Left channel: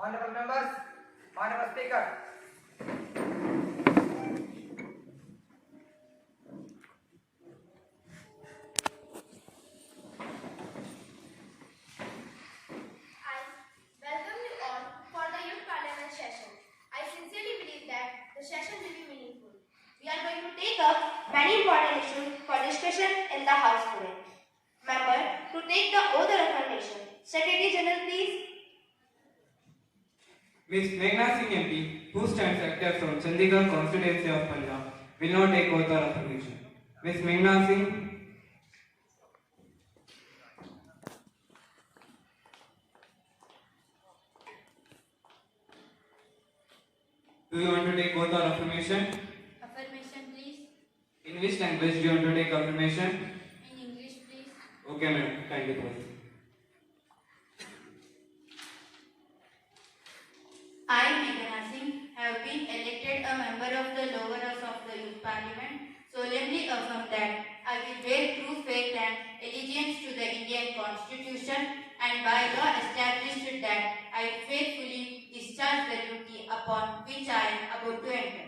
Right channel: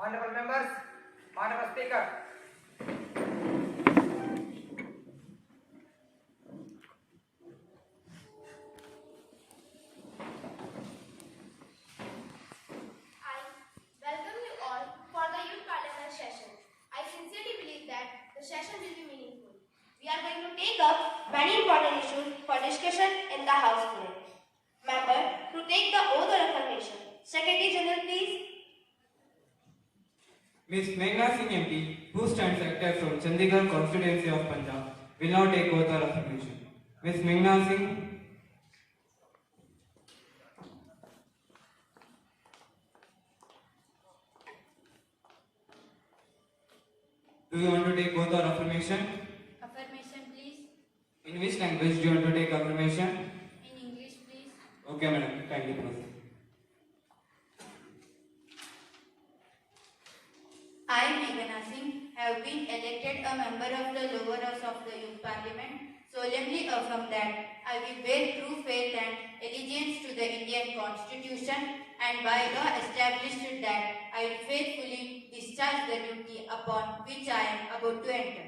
Honorable members, Honorable Speaker. I welcome you all for the Youth Parliament session. I sincerely believe that the session will be meaningful. We are going to take up many important issues for discussion in the House today. Member, to take the oath of affirmation. Secretary General, please. Ms. Meghna Singh MP, who stands active from Chandigarh constituency of Punjab, will now take oath of affirmation. Ms. Meghna Singh. Do you want to take oath or affirmation? Affirmation, please. In which language do you want to take affirmation? In English, please. Okay, madam. Kindly proceed. I, Meghna Singh, have been elected a member of the lower house of the Youth Parliament, solemnly affirm that I will bear true faith and allegiance to the Indian Constitution and by law established that I will faithfully discharge the duty upon which I am about to enter.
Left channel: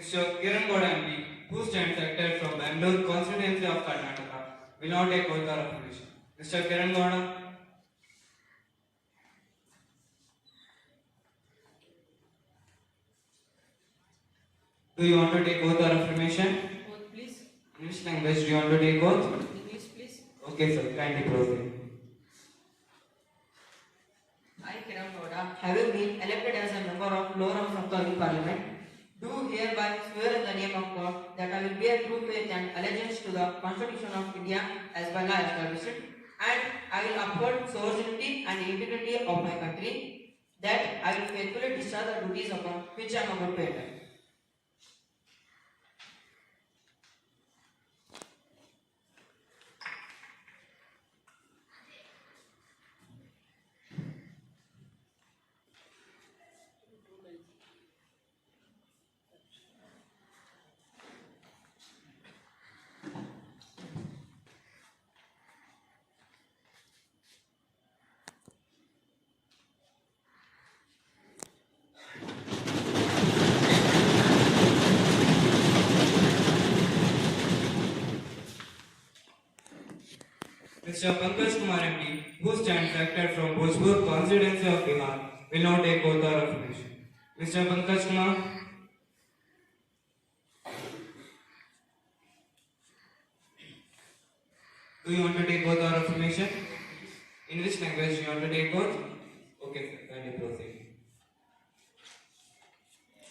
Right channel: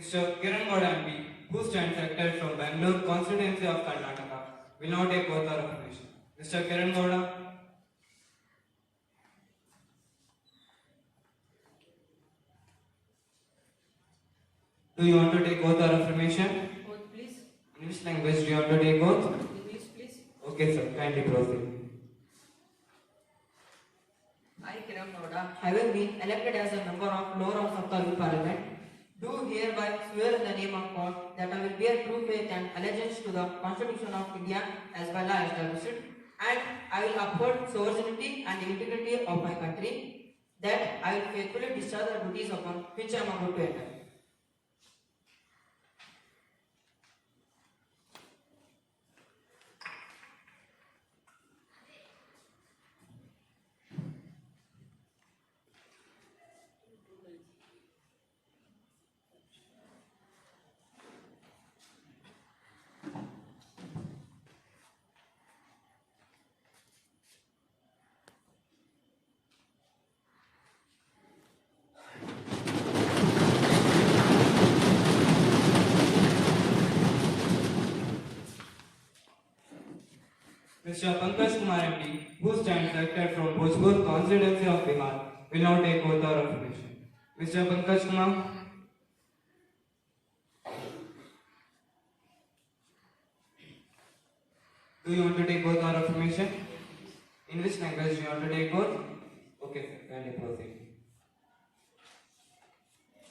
Mr. Kiran Gowda MP, who stands active from Bangalore constituency of Karnataka, will now take oath or affirmation. Mr. Kiran Gowda. Do you want to take oath or affirmation? Oath, please. In which language do you want to take oath? English, please. Okay, sir. Kindly proceed. I, Kiran Gowda, having been elected as a member of lower house of the Youth Parliament, do hereby swear in the name of God that I will bear true faith and allegiance to the Constitution of India as by law established, and I will uphold sovereignty and integrity of my country, that I will faithfully discharge the duties upon which I am about to enter. Mr. Pankaj Kumar MP, who stands elected from Bhojpur constituency of Bihar, will now take oath or affirmation. Mr. Pankaj Kumar. Do you want to take oath or affirmation? In which language do you want to take oath? Okay, sir. Kindly proceed.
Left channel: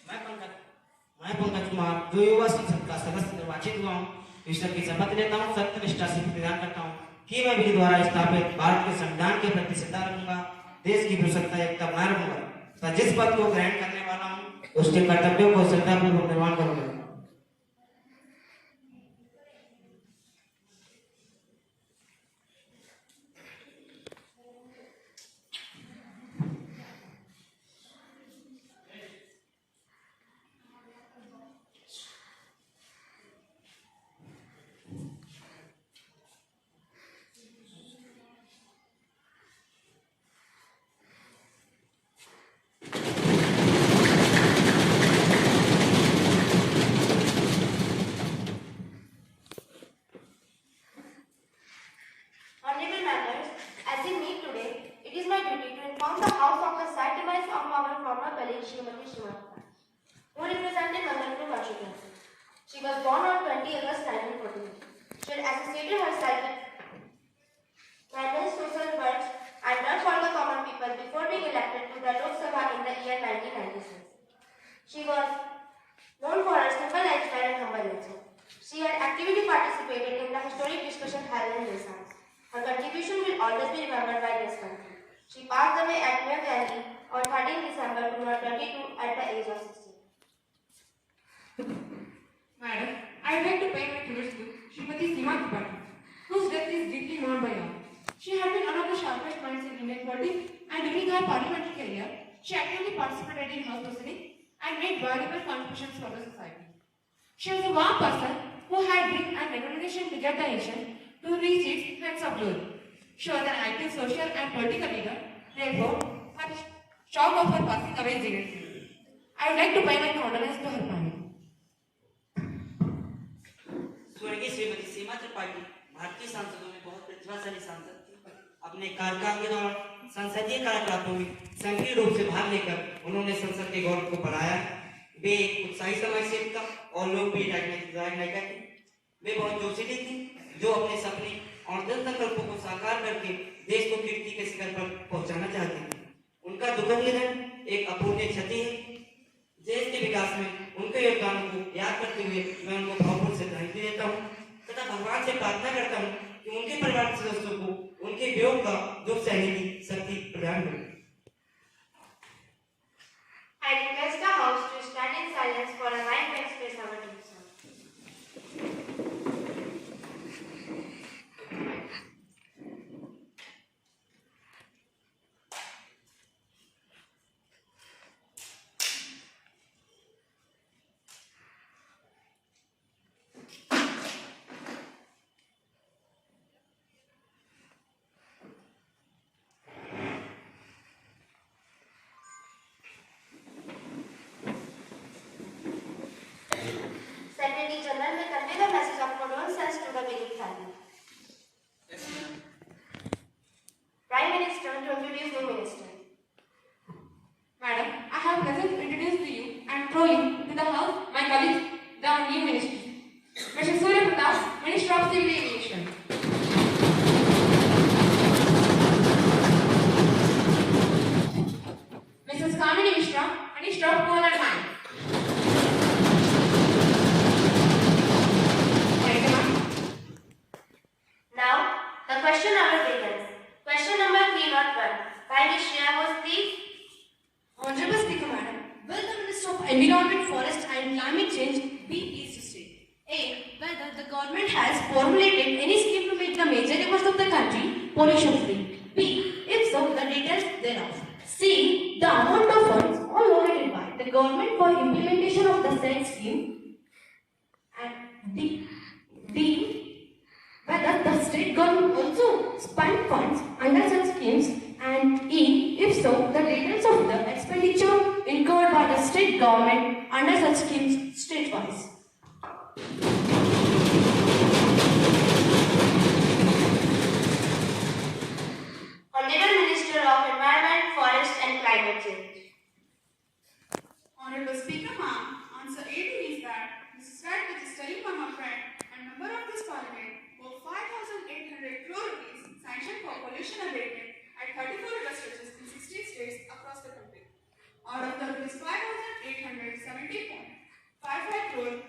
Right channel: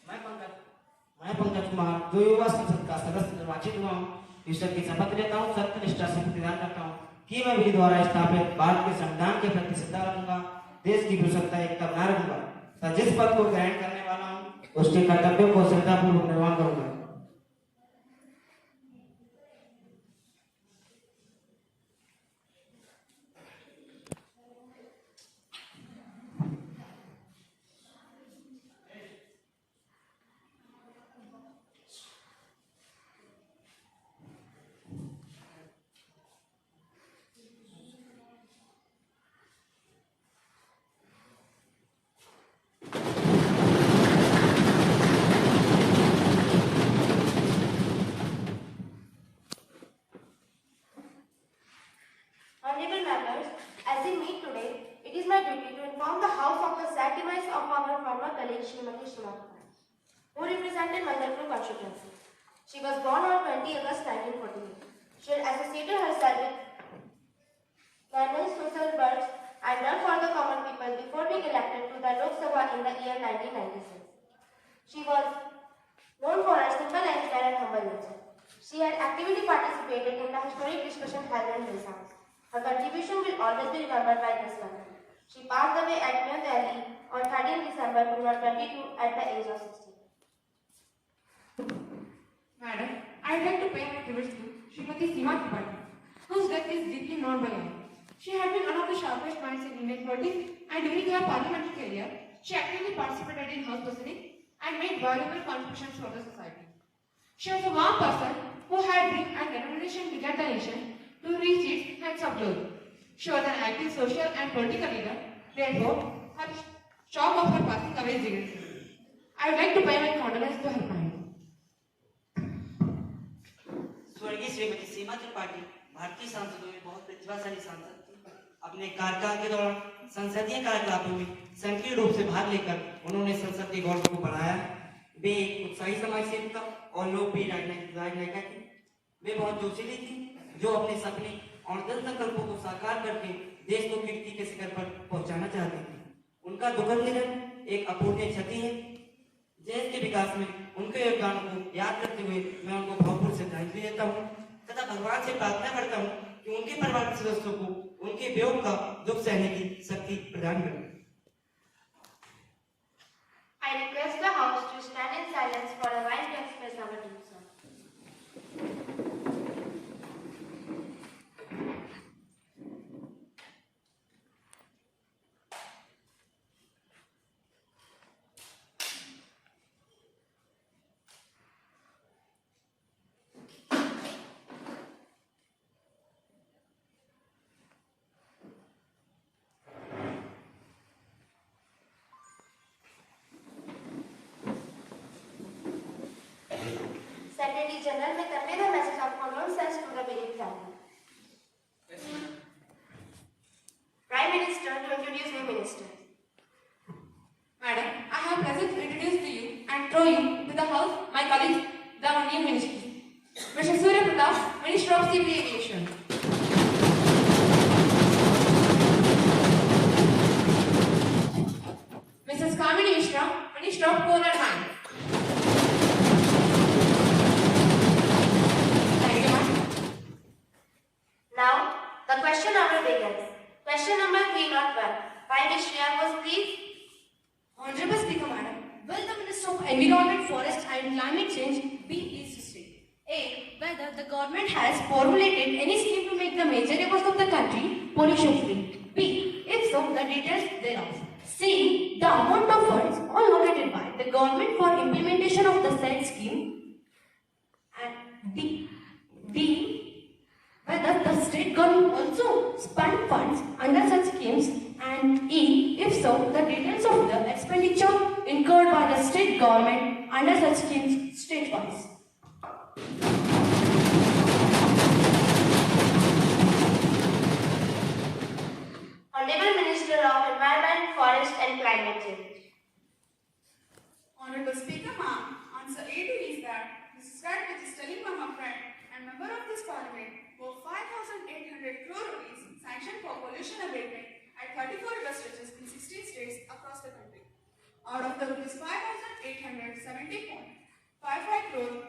मैं पंकज कुमार जो युवा संसद का सदस्य निर्वाचित हुआ हूँ, ईश्वर की शपथ लेता हूँ, सत्यनिष्ठा से प्रतिदान करता हूँ कि मैं विधि द्वारा स्थापित भारत के संविधान के प्रति श्रद्धा रखूंगा, देश की विशुद्धता एकता बनाए रखूंगा तथा जिस पद को ग्रहण करने वाला हूँ उसके कर्तव्यों को श्रद्धापूर्वक निर्वहन करूंगा। Honorable members, as we meet today, it is my duty to inform the House of the sad demise of our former colleague Srimati Srimatha, who represented Mandarpur constituency. She was born on 20 August 1948. She had associated herself with various social works and done for the common people before being elected to the Lok Sabha in the year 1996. She was known for her simple and humble nature. She had actively participated in the an historic discussion held in this house. Her contribution will always be remembered by this country. She passed away at New Delhi on 13 December 2022 at the age of 60. Madam, I would like to pay my tributes to Srimati Seema Tripathi, whose death is deeply mourned by all. She had been one of the sharpest minds in Indian politics, and during her parliamentary career, she actively participated in House proceedings and made valuable contributions for the society. She was a warm person who had grit and determination to get the nation to reach its heights of glory. She was an active social and political leader, therefore, her shock of her passing away is seriously. I would like to pay my condolences to her family. स्वर्गीय श्रीमती सीमा त्रिपाठी भारतीय सांसदों में बहुत प्रतिभाशाली सांसद थी। अपने कार्यकाल के दौरान संसदीय कार्यकलापों में सक्रिय रूप से भाग लेकर उन्होंने संसद के गौरव को बढ़ाया। वे एक उत्साही समाज सेविका और लोकप्रिय राजनायिका थी। वे बहुत जोशीली थी, जो अपने सपने और दृढ़ संकल्पों को साकार करके देश को कीर्ति के शिखर पर पहुंचाना चाहती थी। उनका दुखद निधन एक अपूर्णीय क्षति है। देश के विकास में उनके योगदानों को याद करते हुए मैं उनको भावपूर्ण श्रद्धांजलि देता हूँ तथा भगवान से प्रार्थना करता हूँ कि उनके परिवार के सदस्यों को उनके वियोग का दुख सहने की शक्ति प्रदान करें। I request the House to stand in silence for a while to express our deep sorrow. Secretary General may convey the message of condolences to the bereaved family. Yes, madam. Prime Minister to introduce new minister. Madam, I have pleasure to introduce to you and throw you to the house my colleague, the new minister, Mr. Surya Pratap, Minister of Civil Aviation. Mrs. Kamini Mishra, Minister of Coal and Mines. Now, the question hour begins. Question number 301. By Ms. Shreya Bose, please. Honorable Speaker, Madam, will the Minister of Environment, Forest and Climate Change be pleased to state? A. Whether the government has formulated any scheme to make the major rivers of the country pollution-free. B. If so, the details thereof. C. The amount of funds allocated by the government for implementation of the said scheme. And D. Whether the state government also spent funds under such schemes, and E. If so, the details of the expenditure incurred by the state government under such schemes state-wise. Honorable Minister of Environment, Forest and Climate Change. Honorable Speaker, ma'am, answer A to is that Mrs. Wright, which is telling ma'am a friend and member of this parliament, for 5,800 crore rupees sanctioned for pollution abatement at 34 river stretches in 16 states across the country. Out of the rupees 5,870.55 crore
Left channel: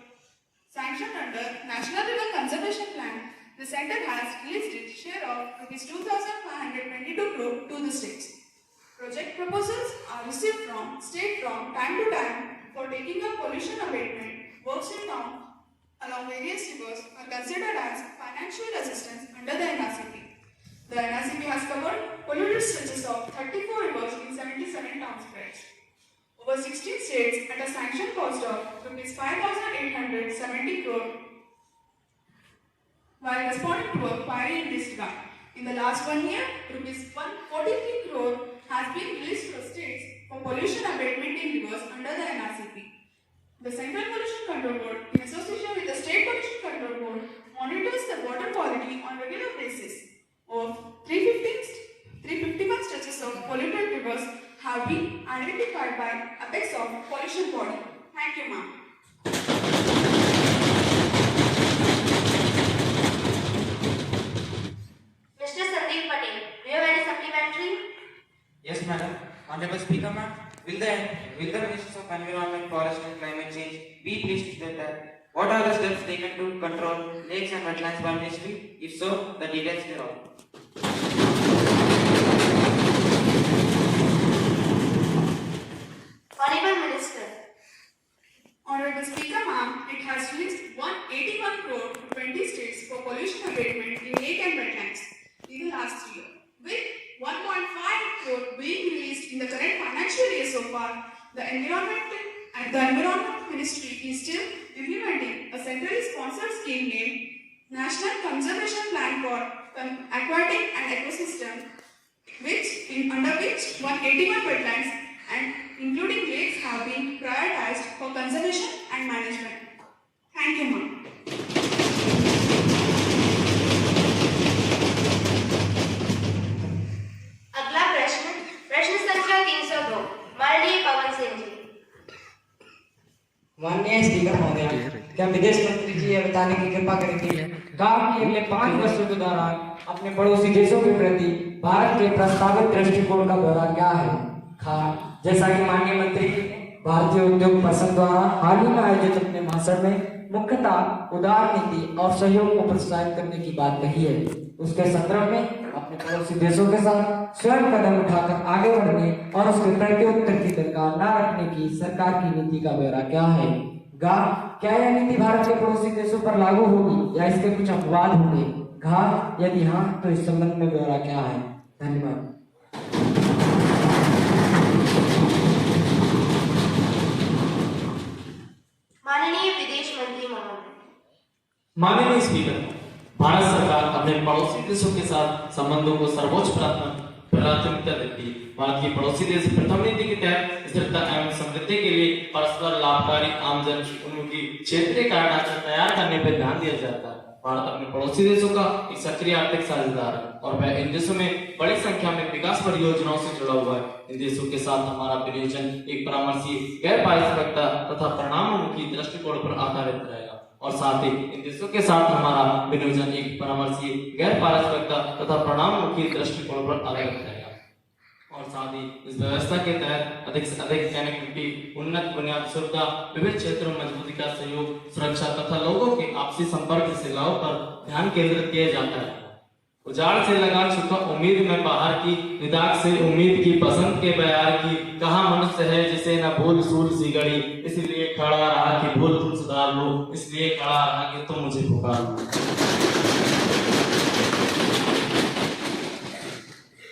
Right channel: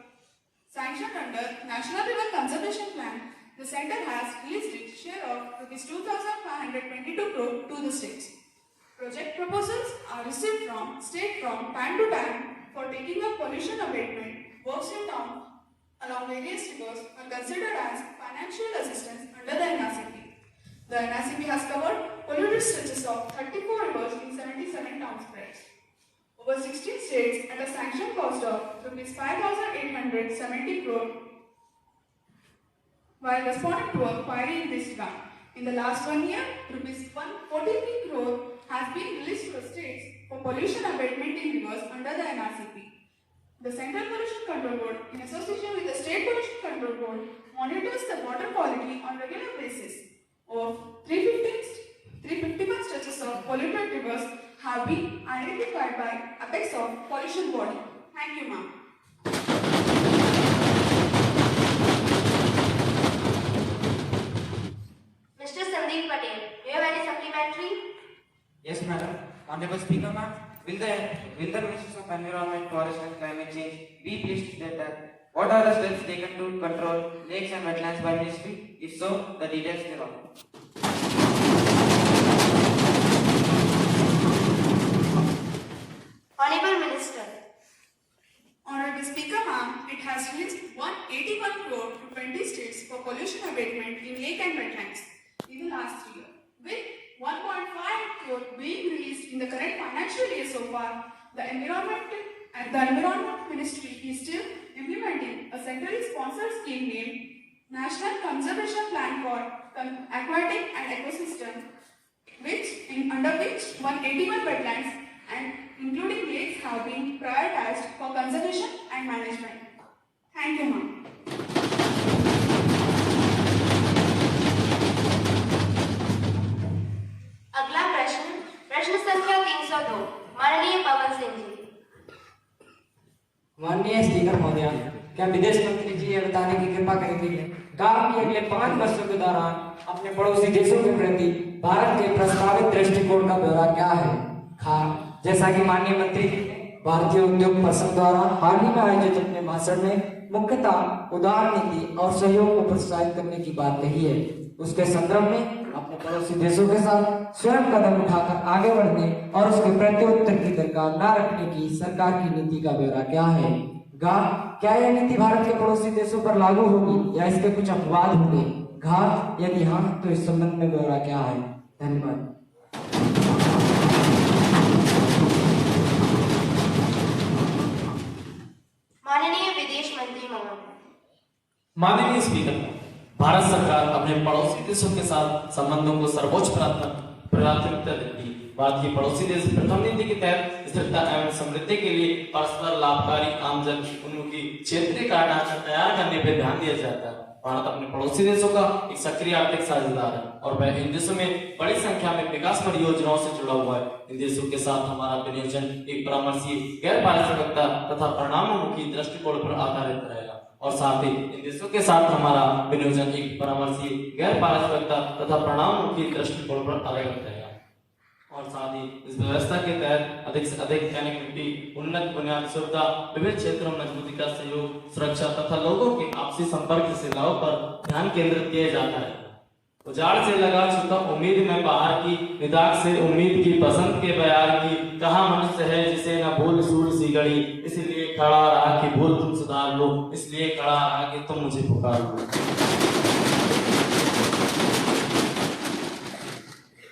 sanctioned under National River Conservation Plan, the centre has released its share of rupees 2,522 crore to the states. Project proposals are received from state from time to time for taking up pollution abatement works in town along various rivers are considered as financial assistance under the NRCP. The NRCP has covered polluted stretches of 34 rivers in 77 town spreads. Over 16 states at a sanction cost of rupees 5,870 crore. While responding to a query in this regard, in the last 1 year, rupees 143 crore has been released to the states for pollution abatement in rivers under the NRCP. The Central Pollution Control Board, in association with the State Pollution Control Board, monitors the water quality on regular basis. Of 351 stretches of polluted rivers have been identified by Apex of Pollution Body. Thank you, ma'am. Mr. Sandeep Patel, do you have any supplementary? Yes, madam. Honorable Speaker, ma'am, will the Ministers of Environment, Forest and Climate Change be pleased to state that What are the steps taken to control lakes and wetlands by ministry? If so, the details below. Honorable Minister, Honorable Speaker, ma'am, it has reached 181 crore to 20 states for pollution abatement in lake and wetlands in the last year, with 1.5 crore being released in the current financial year so far. The Environment Ministry is still implementing a centrally sponsored scheme named National Conservation Plan for Aquatic and Ecosystem, under which 181 wetlands and including lakes have been prioritized for conservation and management. Thank you, ma'am. अगला प्रश्न संख्या 302 माननीय पवन सिंह जी। माननीय speaker महोदय, क्या विदेश मंत्री जी ये बताने की कृपा करेंगे कि अगले 5 वर्षों के दौरान अपने पड़ोसी देशों के प्रति भारत के प्रस्तावित दृष्टिकोण का ब्यौरा क्या है? जैसा कि माननीय मंत्री भारतीय उद्योग परिषद द्वारा हाल ही में आयोजित अपने भाषण में मुख्यतः उदार नीति और सहयोग को प्रोत्साहित करने की बात कही है, उसके संदर्भ में अपने पड़ोसी देशों के साथ स्वयं कदम उठाकर आगे बढ़ने और उसके प्रत्युत्तर की दरकार न रखने की सरकार की नीति का ब्यौरा क्या है? क्या यह नीति भारत के पड़ोसी देशों पर लागू होगी या इसके कुछ अपवाद होंगे? यदि हाँ तो इस संबंध में ब्यौरा क्या है? धन्यवाद। माननीय विदेश मंत्री महोदय। माननीय स्पीकर, भारत सरकार अपने पड़ोसी देशों के साथ संबंधों को सर्वोच्च प्राथमिकता देती है। भारत के पड़ोसी देश प्रथम नीति के तहत स्थिरता एवं समृद्धि के लिए परस्पर लाभकारी आमजन उन्मुखी क्षेत्रीय ढांचा तैयार करने पर ध्यान दिया जाता है। भारत अपने पड़ोसी देशों का एक सक्रिय आर्थिक साझेदार है और वह इन देशों में बड़ी संख्या में विकास परियोजनाओं से जुड़ा हुआ है। इन देशों के साथ हमारा विनियोजन एक परामर्शी, गैर पारस्परिकता तथा परिणामोन्मुखी दृष्टिकोण पर आधारित रहेगा और साथ ही इन देशों के साथ हमारा विनियोजन एक परामर्शी, गैर पारस्परिकता तथा परिणामोन्मुखी दृष्टिकोण पर आधारित रहेगा और साथ ही इस व्यवस्था के तहत अधिक से अधिक कनेक्टिविटी, उन्नत बुनियादी सुविधा, विभिन्न क्षेत्रों में मजबूती का सहयोग, सुरक्षा तथा लोगों के आपसी संपर्क सेवाओं पर ध्यान केंद्रित किया जाता है। उजाड़ से लगा चुका उम्मीद में बाहर की, निदाग से उम्मीद की, बसंत के बयार की, कहा मनुष्य है जिसे न भूल सूल सी गड़ी, इसलिए खड़ा रहा कि भूल तुम सुधार लो, इसलिए खड़ा रहा कि तुम मुझे पुकार लो।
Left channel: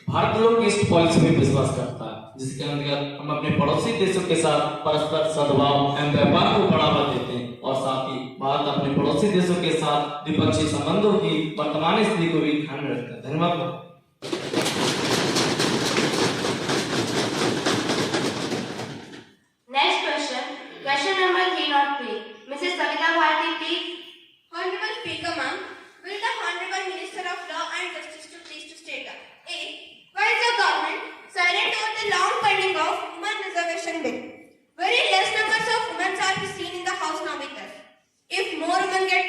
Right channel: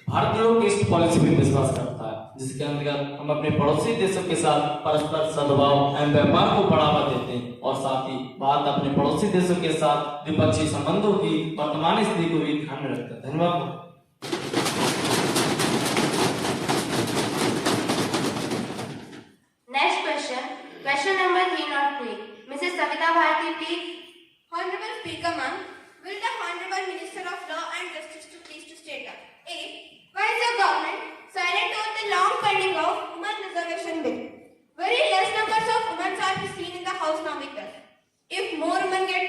भारत लोग ईस्ट पॉलिसी में विश्वास करता है, जिसके अंतर्गत हम अपने पड़ोसी देशों के साथ परस्पर सद्भाव एवं व्यापार को बढ़ावा देते हैं और साथ ही भारत अपने पड़ोसी देशों के साथ द्विपक्षीय संबंधों की वर्तमान स्थिति को भी ध्यान में रखता है। धन्यवाद। Next question number 303 Mrs Savita Bharati please. Honorable Speaker, ma'am, will the Honorable Minister of Law and Justice to please to state that A. Why is the government silent on the long pending of women reservation bill? Very less numbers of women are seen in the House now with us. If more women take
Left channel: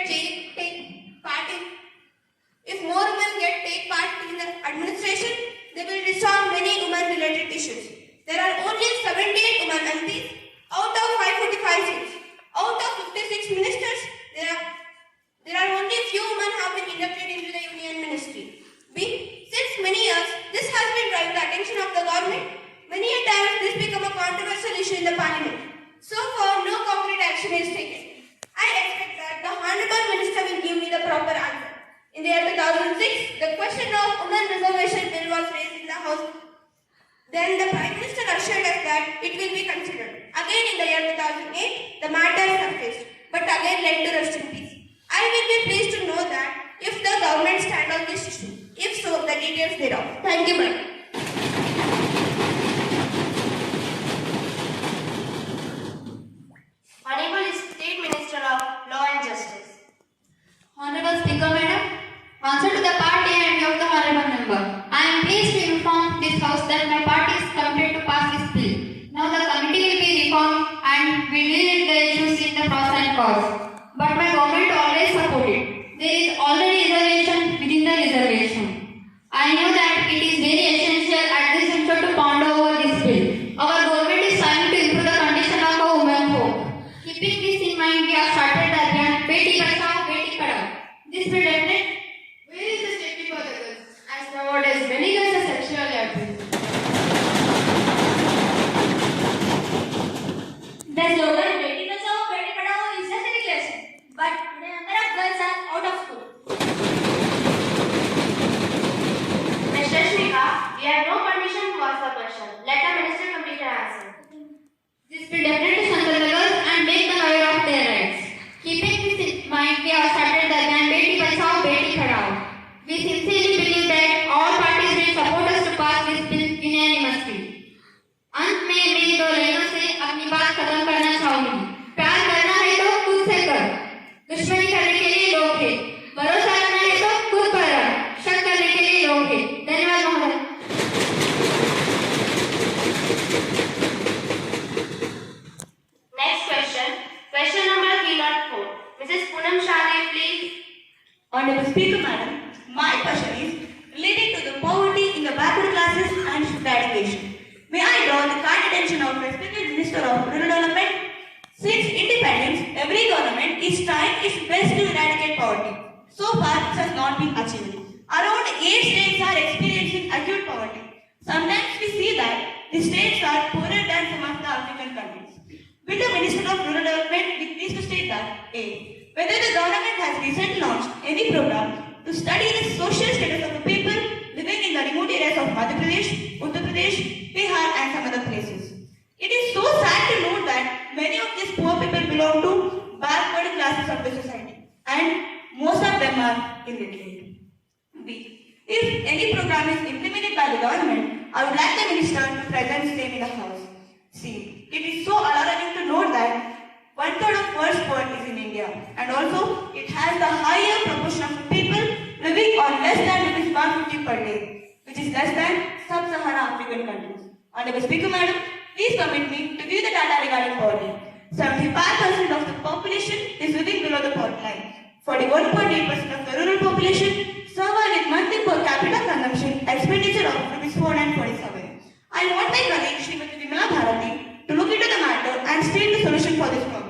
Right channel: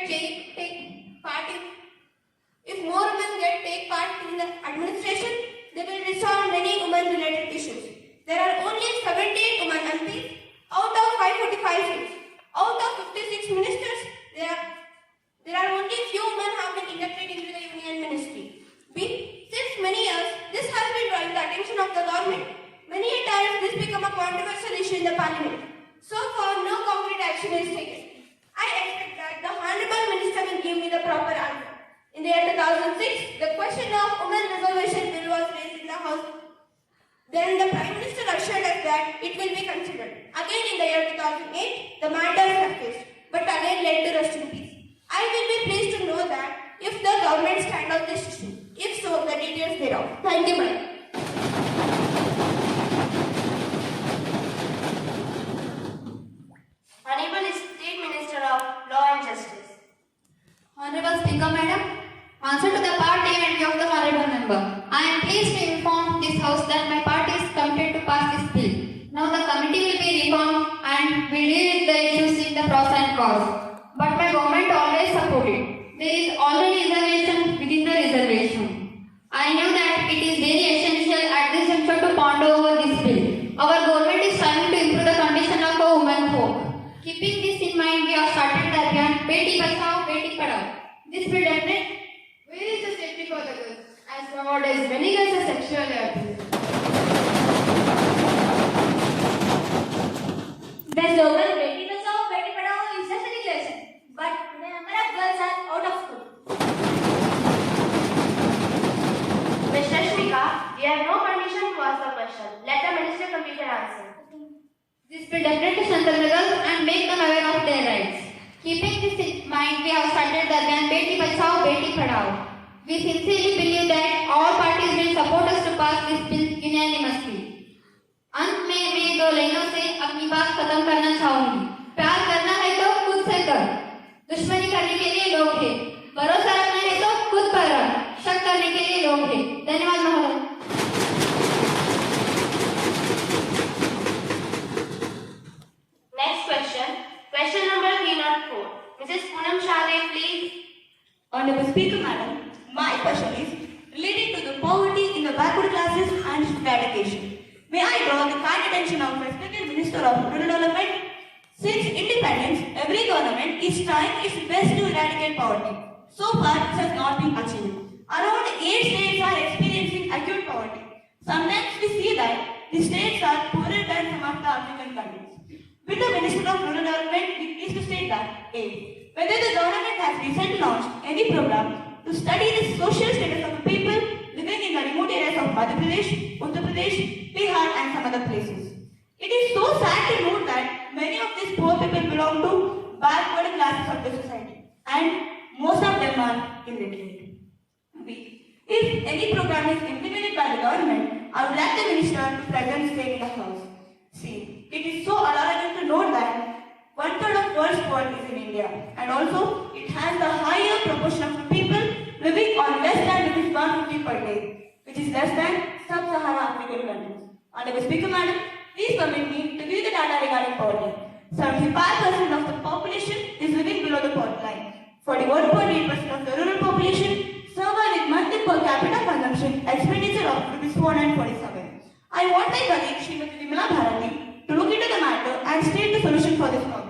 part in the administration, they will resolve many women-related issues. There are only 78 women MPs out of 545 seats. Out of 56 ministers, there are only few women have been inducted into the Union Ministry. B. Since many years, this has been drawing the attention of the government. Many a times, this become a controversial issue in the Parliament. So far, no concrete action is taken. I expect that the Honorable Minister will give me the proper answer. In the year 2006, the question of women reservation bill was raised in the House. Then the Prime Minister assured us that it will be considered. Again in the year 2008, the matter is surfaced, but again led to rest in peace. I will be pleased to know that if the government stand on this issue. If so, the details thereof. Thank you, madam. Honorable State Minister of Law and Justice. Honorable Speaker, madam, answer to the part A and B of the honorable member. I am pleased to inform this House that my party is committed to pass this bill. Now the committee will be reformed and will deal with the issues in the pros and cons. But my government always supported. There is already reservation within the reservation. I know that it is very essential at this juncture to ponder over this bill. Our government is trying to improve the condition of our women folk. Keeping this in mind, we have started the will definite. Where is the safety for the girls? As nowadays, many girls are sexually abused. The slogan Beti Bachao Beti Padhao is a celebration, but today number of girls are out of school. Mr. Shmika, we have no permission to ask the question. Let the minister complete her answer. This will definitely strengthen the girls and make them aware of their rights. Keeping this in mind, we have started the plan Beti Bachao Beti Padhao. We sincerely believe that all parties will support us to pass this bill unanimously. अंत में मैं दो लाइनों से अपनी बात खत्म करना चाहूंगी। प्यार करना है तो खुद से कर, दुश्मनी करने के लिए लोग हैं, भरोसा करना है तो खुद पर रख, शक करने के लिए लोग हैं। धन्यवाद महोदय। Next question. Question number 304. Mrs. Poonam Shahdev, please. Honorable Speaker, Madam, my question is related to the poverty in the backward classes and its eradication. May I draw the kind attention of respected Minister of Rural Development? Since independence, every government is trying its best to eradicate poverty. So far, it has not been achieved. Around 8 states are experiencing acute poverty. Sometimes we see that the states are poorer than some of the African countries. With the Minister of Rural Development, we please to state that A. Whether the government has recently launched any program to study the social status of the people living in the remote areas of Madhya Pradesh, Uttar Pradesh, Bihar and some other places. It is so sad to note that many of these poor people belong to backward classes of the society and most of them are illiterate. B. If any program is implemented by the government, I would like the minister to present same in the house. C. It is so alarming to note that 1/3 of world's poverty is in India and also it has the higher proportion of people living on less than ₹150 per day, which is less than sub-Saharan African countries. Honorable Speaker, Madam, please permit me to give the data regarding poverty. 75% of the population is living below the poverty line. 41.8% of the rural population suffer with monthly per capita consumption expenditure of ₹447. I want my colleague Srimati Vimala Bharati to look into the matter and state the solution for this problem.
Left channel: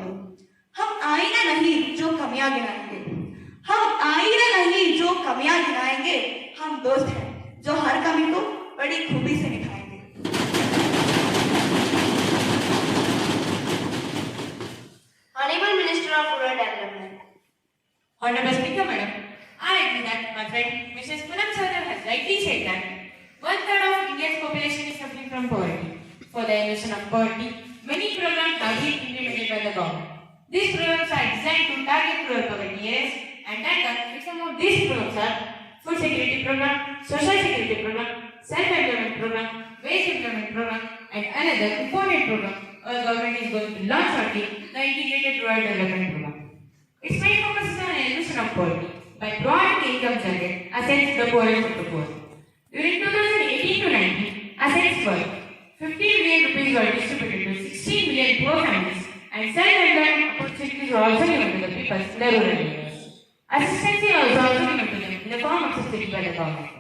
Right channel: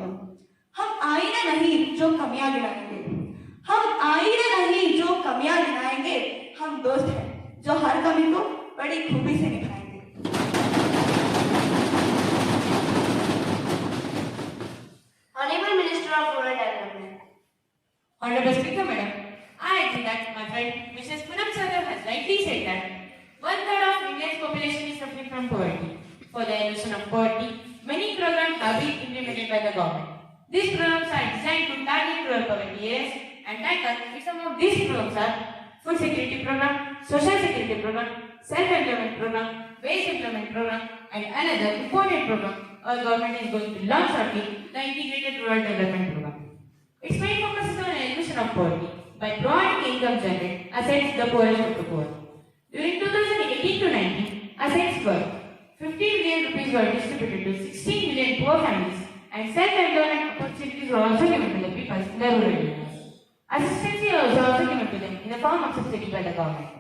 हम आईना नहीं जो कमियां गिनाएंगे, हम आईना नहीं जो कमियां गिनाएंगे, हम दोस्त हैं जो हर कमी को बड़ी खूबी से निभाएंगे। Honorable Minister of Rural Development. Honorable Speaker, Madam, I agree that my friend Mrs. Poonam Shahdev has rightly said that 1/3 of India's population is suffering from poverty. For the elimination of poverty, many programs have been implemented by the government. These programs are designed to target rural poverty areas and tackle some of these programs are food security program, social security program, self-employment program, wage employment program, and another important program our government is going to launch shortly, the Integrated Rural Development Program. Its main focus is on elimination of poverty by providing income generated assets to the poorest of the poor. During 2018 to 19, assets worth 50 billion rupees were distributed to 16 million poor families and self-employment opportunities were also given to the people in the rural areas. Assistance was also given to them in the form of subsidy by the government.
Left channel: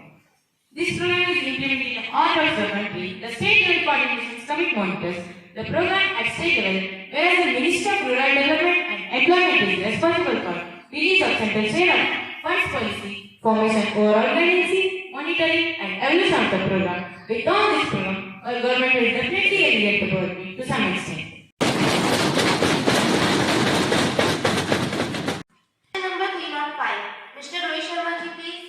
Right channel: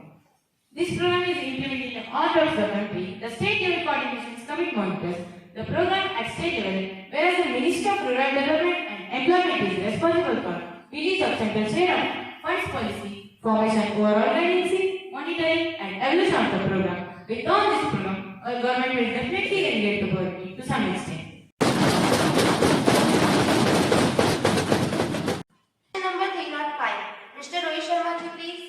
This program is implemented in all parts of the country. The state level coordination is coming monitors the program at state level, whereas the Minister of Rural Development and Employment is responsible for release of central share of funds policy, formation overall guidance, monitoring and evaluation of the program. With all this program, our government will definitely alleviate the poverty to some extent. Number 305. Mr. Rohit Sharma ji, please.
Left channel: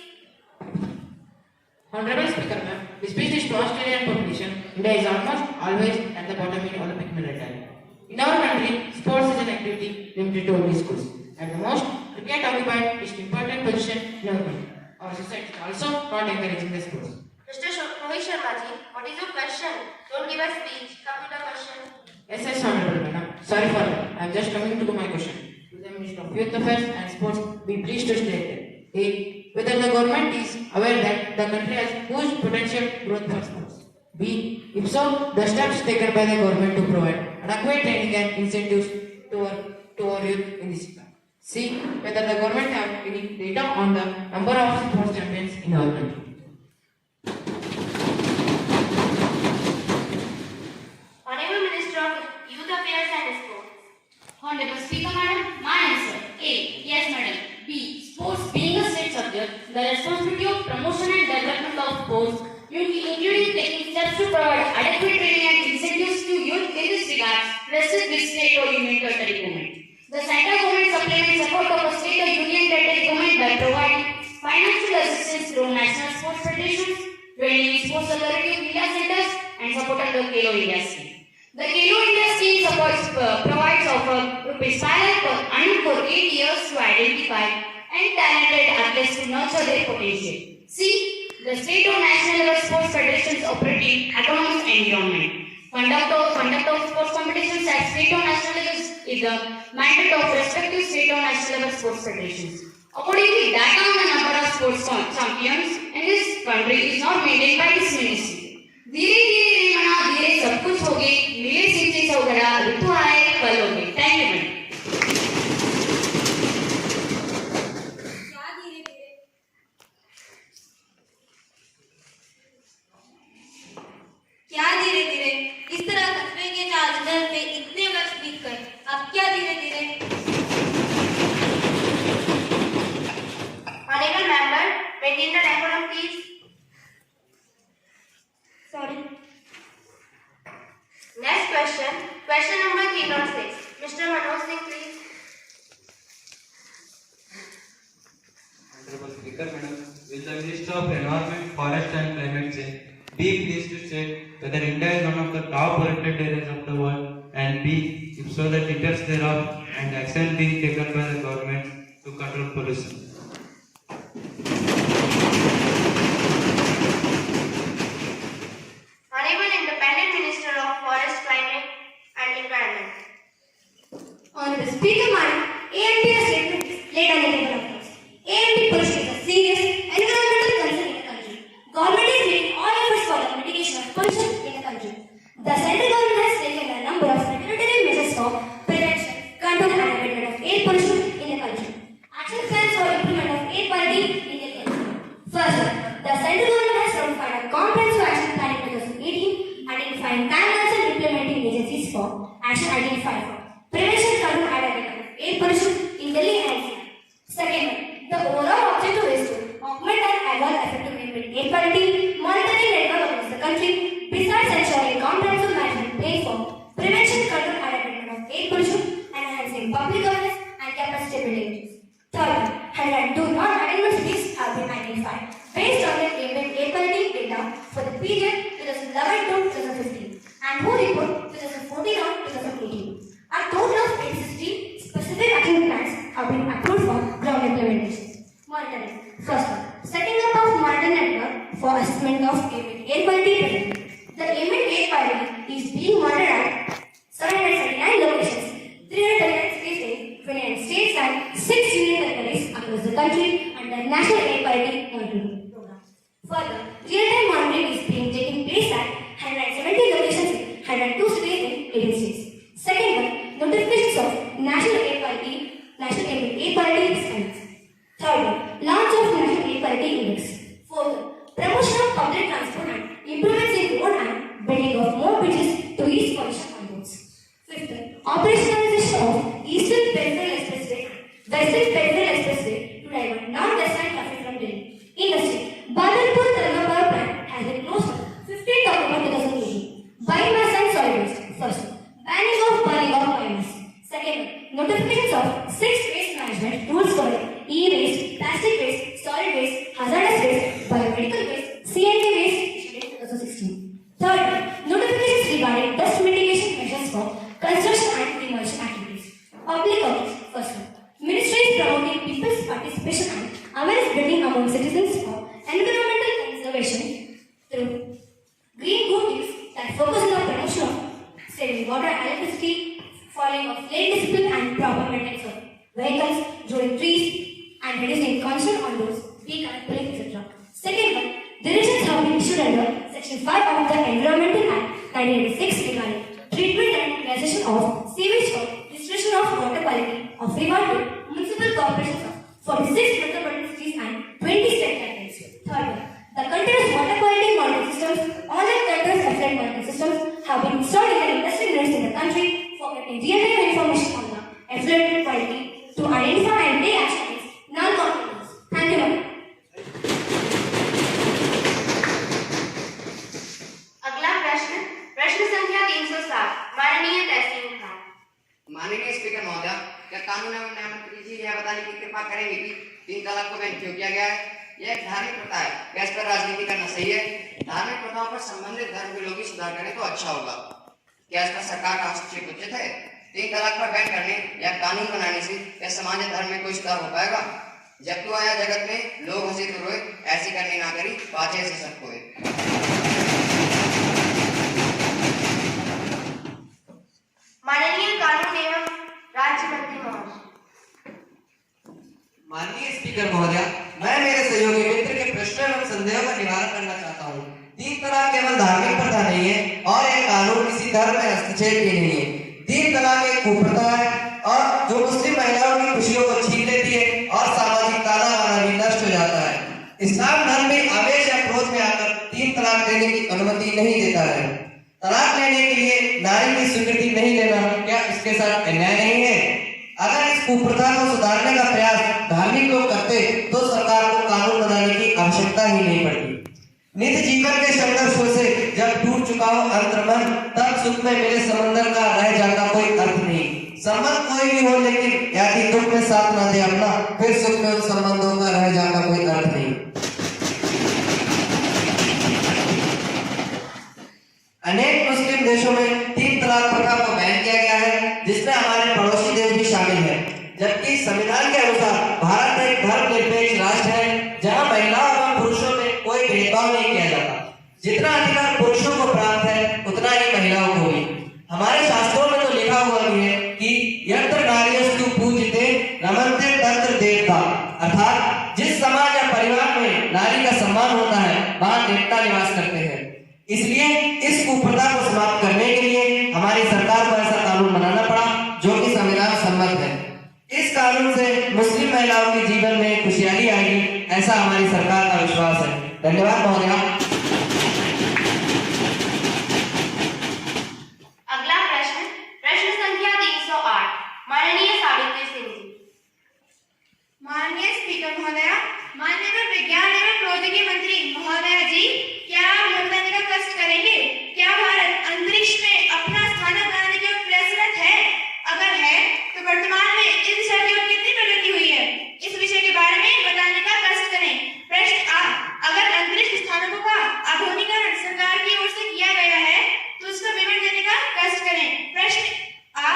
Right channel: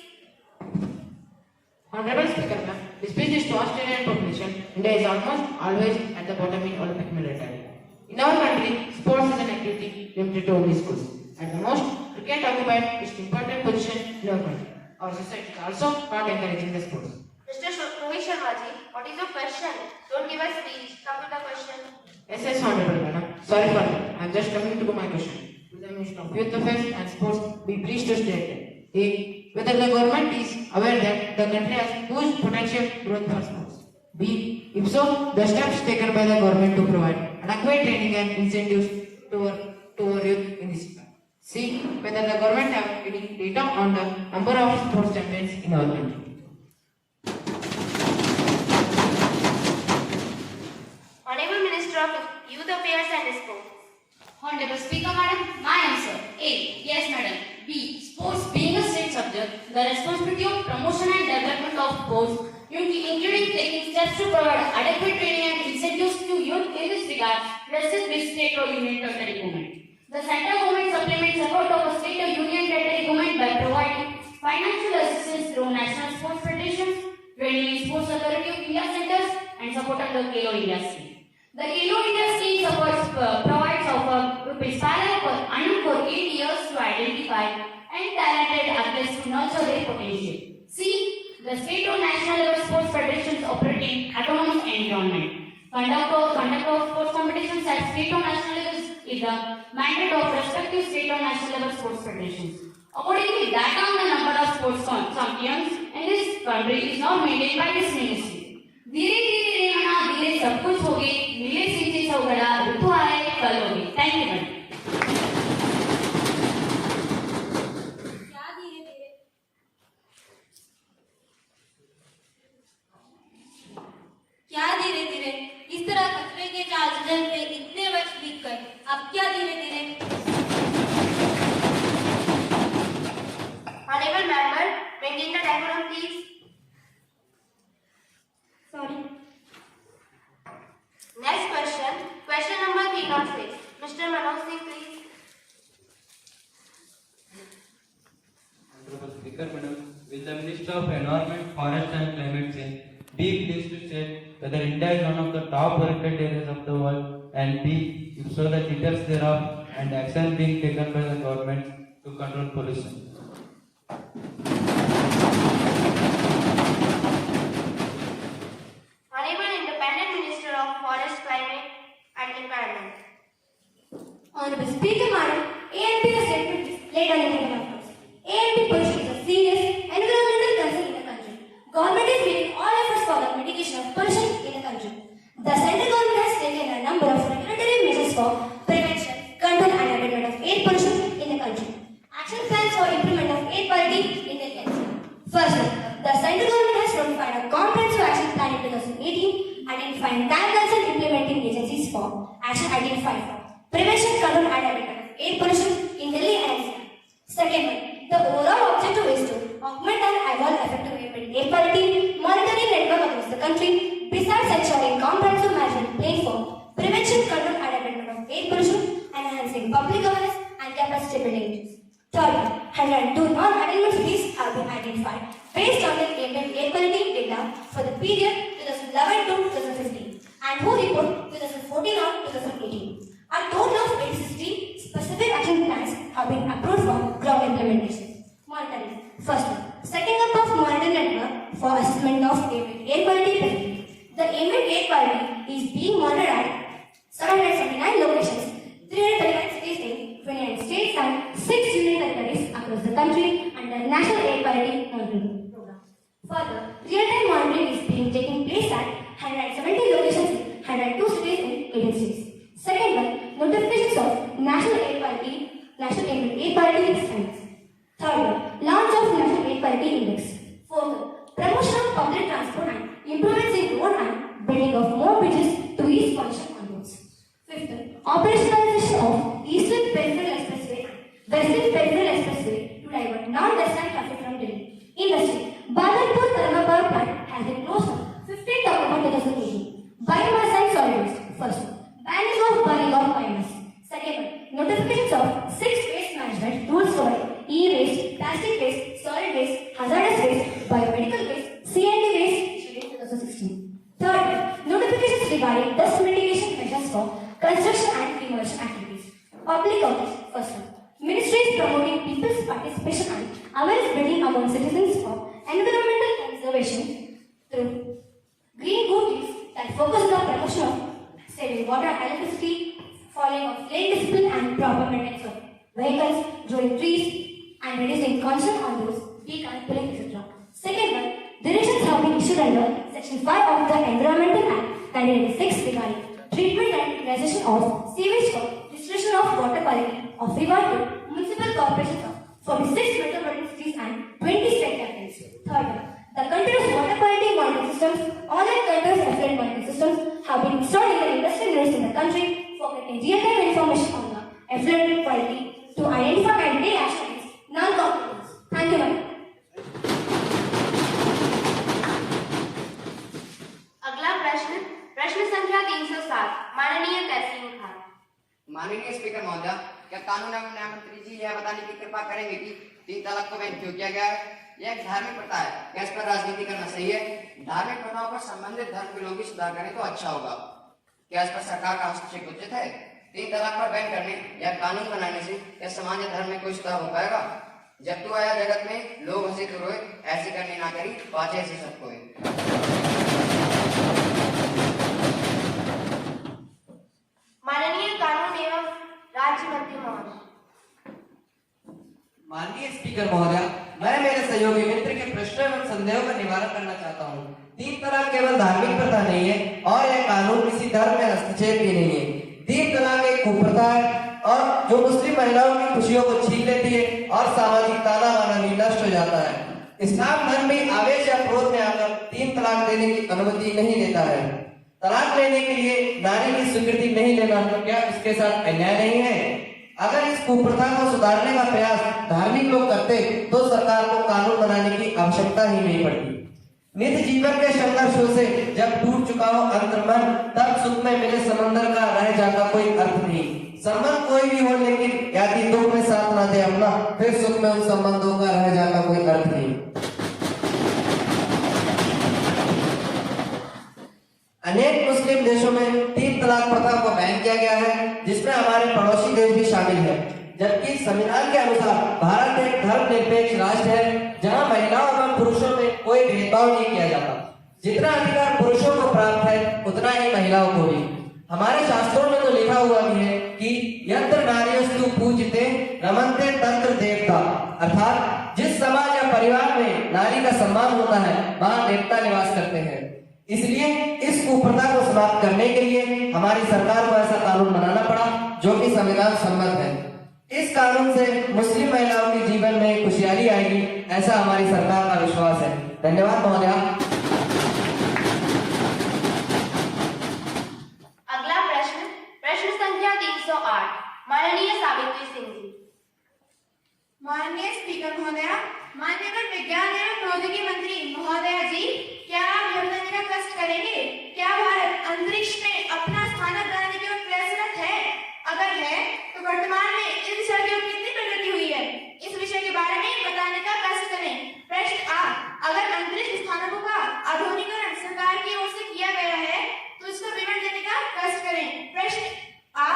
Honorable Speaker, ma'am, despite the strong Australian population, India is almost always at the bottom in Olympic medal tally. In our country, sports is an activity limited to only schools. At the most, cricket occupies its important position in our country. Our society is also not encouraging the sports. Mr. Rohit Sharma ji, what is your question? Don't give a speech. Come to the question. Yes, Honorable Madam. Sorry for that. I am just coming to my question. To the Minister of Youth Affairs and Sports, be pleased to state that A. Whether the government is aware that the country has huge potential growth for sports. B. If so, the steps taken by the government to provide adequate training and incentives to our youth in this sector. C. Whether the government has any data on the number of sports champions in our country. Honorable Minister of Youth Affairs and Sports. Honorable Speaker, Madam, my answer A. Yes, Madam. B. Sports being a the responsibility of promotion and development of sports, including taking steps to provide adequate training and incentives to youth in this regard, rests with state or union territory government. The central government supplements support of a state or union territory government by providing financial assistance through national sports federations, training in sports authority of India centers, and support under Khelo India scheme. The Khelo India scheme provides rupees 5 lakh per annum for 8 years to identify and talented athletes to nurture their potential. C. The state or national level sports federations operate in autonomous environment. Conduct of sports competitions at state or national levels is the mandate of respective state or national level sports federations. Accordingly, data on the number of sports champions in this country is not maintained by this ministry. धीरे धीरे मना धीरे सब कुछ हो गए मिले सीधे सौगड़ा ऋतु आए कल हो गए थैंक यू मैडम क्या धीरे धीरे इस तरह कचरे के जाल से इतने वर्ष बीत कर अब क्या धीरे धीरे Honorable member, maintain the decorum, please. Sorry. Next question. Question number 306. Mr. Manoj Singh, please. Honorable Speaker, Madam, will the Minister of Environment, Forest and Climate Change be pleased to state whether India is one of the top polluted areas of the world, and B, if so, the details thereof and action being taken by the government to control pollution? Honorable Independent Minister of Forest, Climate and Environment. Honorable Speaker, Madam, AMP has laid on the table of us. AMP pollution is a serious environmental concern in the country. Government is making all efforts for the mitigation of pollution in the country. The central government has taken a number of regulatory measures for prevention, control and abatement of air pollution in the country. Action plans for improvement of air quality in the country. First, the central government has notified a comprehensive action plan in 2018 identifying timelines and implementing agencies for action identified for prevention, control and abatement of air pollution in Delhi and NCR. Second, the overall objective is to augment and evolve effective air quality monitoring network across the country, besides ensuring comprehensive management plan for prevention, control and abatement of air pollution and enhancing public awareness and capacity building. Third, 102 non-attainment cities have been identified based on the air quality data for the period 2011 to 2015 and who report 2014 on 2018. A total of 860 specific action plans have been approved for ground implementation. Monitoring. First one, setting up of monitoring network for assessment of air quality present. The ambient air quality is being monitored at 779 locations, 339 cities in 29 states and 6 union territories across the country under National Air Quality Monitoring Program. Further, real-time monitoring is being taking place at 170 locations in 102 cities in 18 states. Second one, notifications of National Air Quality Standards. Third one, launch of National Air Quality Index. Fourth one, promotion of public transport and improvements in road and building of more bridges to ease pollution on roads. Fifth one, operationalization of Eastern Peripheral Expressway, Western Peripheral Expressway to divert non-destined traffic from Delhi. Industry. Bharatpur Thermal Power Plant has been closed on 15th October 2018. Biomass and solid waste. First one, banning of burning of biomass. Second one, notifications of 6 waste management rules for e-waste, plastic waste, solid waste, hazardous waste, biomedical waste, CND waste issued in 2016. Third one, notifications regarding dust mitigation measures for construction and demolition activities. Public awareness. First one, Ministry is promoting people's participation and awareness building among citizens for environmental conservation through green good deeds that focus on the promotion of saving water and electricity, following of lane discipline and proper maintenance of vehicles, growing trees, and reducing concern on roads, deconnect pulling, etc. Second one, directions have been issued under Section 5 of the Environmental Act 1986 regarding treatment and utilization of sewage for restoration of water quality of regard to municipal corporations of 46 metropolitan cities and 20 state territories. Third one, the continuous water quality monitoring systems, online continuous effluent monitoring systems have been installed in the industry units in the country for getting real-time information on the effluent quality to identify and take action against non-compliance. Thank you, ma'am. करेंगे कि 3 तलाक को ban क्यों किया गया है। यह एक धार्मिक प्रथा है, क्या इस पर राजनीति करना सही है? धार्मिक प्रथाओं पर संबंधित धर्म के लोग ही सुधार करें तो अच्छा होगा। क्या इस पर सरकार का हस्तक्षेप उचित है? 3 तलाक पर बैन करने या कानून बनाने से क्या समाज या धर्म में कोई सुधार हो पाएगा? जब तू आया जगत में लोग हंसी तो रोए, ऐसी करनी ना करी बातें ऐसे सब कोई। माननीय कानून एवं राज्य मंत्री महोदय। माननीय स्पीकर महोदय, मैं मेरे सहयोगी मित्र के प्रश्न एवं संदेहों का निवारण करना चाहता हूँ। 3 तलाक केवल धार्मिक प्रथा नहीं है और यह कानून किसी धर्म में हस्तक्षेप भी नहीं है। 3 तलाक एक कुप्रथा है और जो मुस्लिम महिलाओं की खुशियों को छीन लेती है और सामाजिक तानाबाना भी नष्ट हो जाता है। इस्लाम धर्म में आवेश या क्रोध में आकर 3 तलाक देने की अनुमति नहीं देता है। तलाक लेने के लिए नारी की स्वीकृति नहीं लेना क्या इसके साथ अन्याय नहीं है? अगर इस कुप्रथा को सुधारने का प्रयास धार्मिक लोग करते तो सरकार को कानून बनाने की आवश्यकता ही नहीं पड़ती। नित्य जीवन के संघर्षों से जब टूट चुका हो अंतर्मन, तब सुख में मिले समंदर का रह जाता कोई अर्थ नहीं। संबंध कोई भी हो लेकिन यदि दुख में साथ न दे अपना, फिर सुख में उन संबंधों का रह जाता कोई अर्थ नहीं। अनेक मुस्लिम देशों में 3 तलाक प्रथा को बैन किया गया है, जिसमें हमारे पड़ोसी देश भी शामिल है। जबकि संविधान के अनुसार भारत एक धर्मनिरपेक्ष राष्ट्र है, जहां महिलाओं एवं पुरुषों में कोई भेदभाव नहीं किया जाता। जितना अधिकार पुरुषों को प्राप्त है उतना ही महिलाओं को भी। हमारे शास्त्रों में तो लिखा हुआ भी है कि यत्र नार्यस्तु पूज्यते रमन्ते तत्र देवता, अर्थात जिस समाज या परिवार में नारी का सम्मान होता है वहां देवता निवास करते हैं। इसलिए इस कुप्रथा को समाप्त करने के लिए हमारी सरकार को ऐसा कानून बनाना पड़ा जो कि संविधान सम्मत है। इस कानून से मुस्लिम महिलाओं के जीवन में खुशहाली आएगी, ऐसा हमारी सरकार का विश्वास है। धन्यवाद महोदय। अगला प्रश्न, प्रश्न संख्या 308, माननीय सावित्री सिंह जी। माननीय स्पीकर महोदय, माननीय विज्ञान एवं प्रौद्योगिकी मंत्री महोदय जी, क्या आप योगदान का कष्ट करेंगे? क्या भारत अंतरिक्ष में अपना स्थान बनाने के प्रयासरत है? अगर है तो वर्तमान में इस विषय की कितनी प्रगति हुई है? इस विषय के बारे में बताने का कष्ट करें। प्रश्न आ, अगर अंतरिक्ष स्थानकों का आधुनिकीकरण सरकार की ओर से किया गया है तो उसका विवरण देने का कष्ट करें। प्रश्न आ,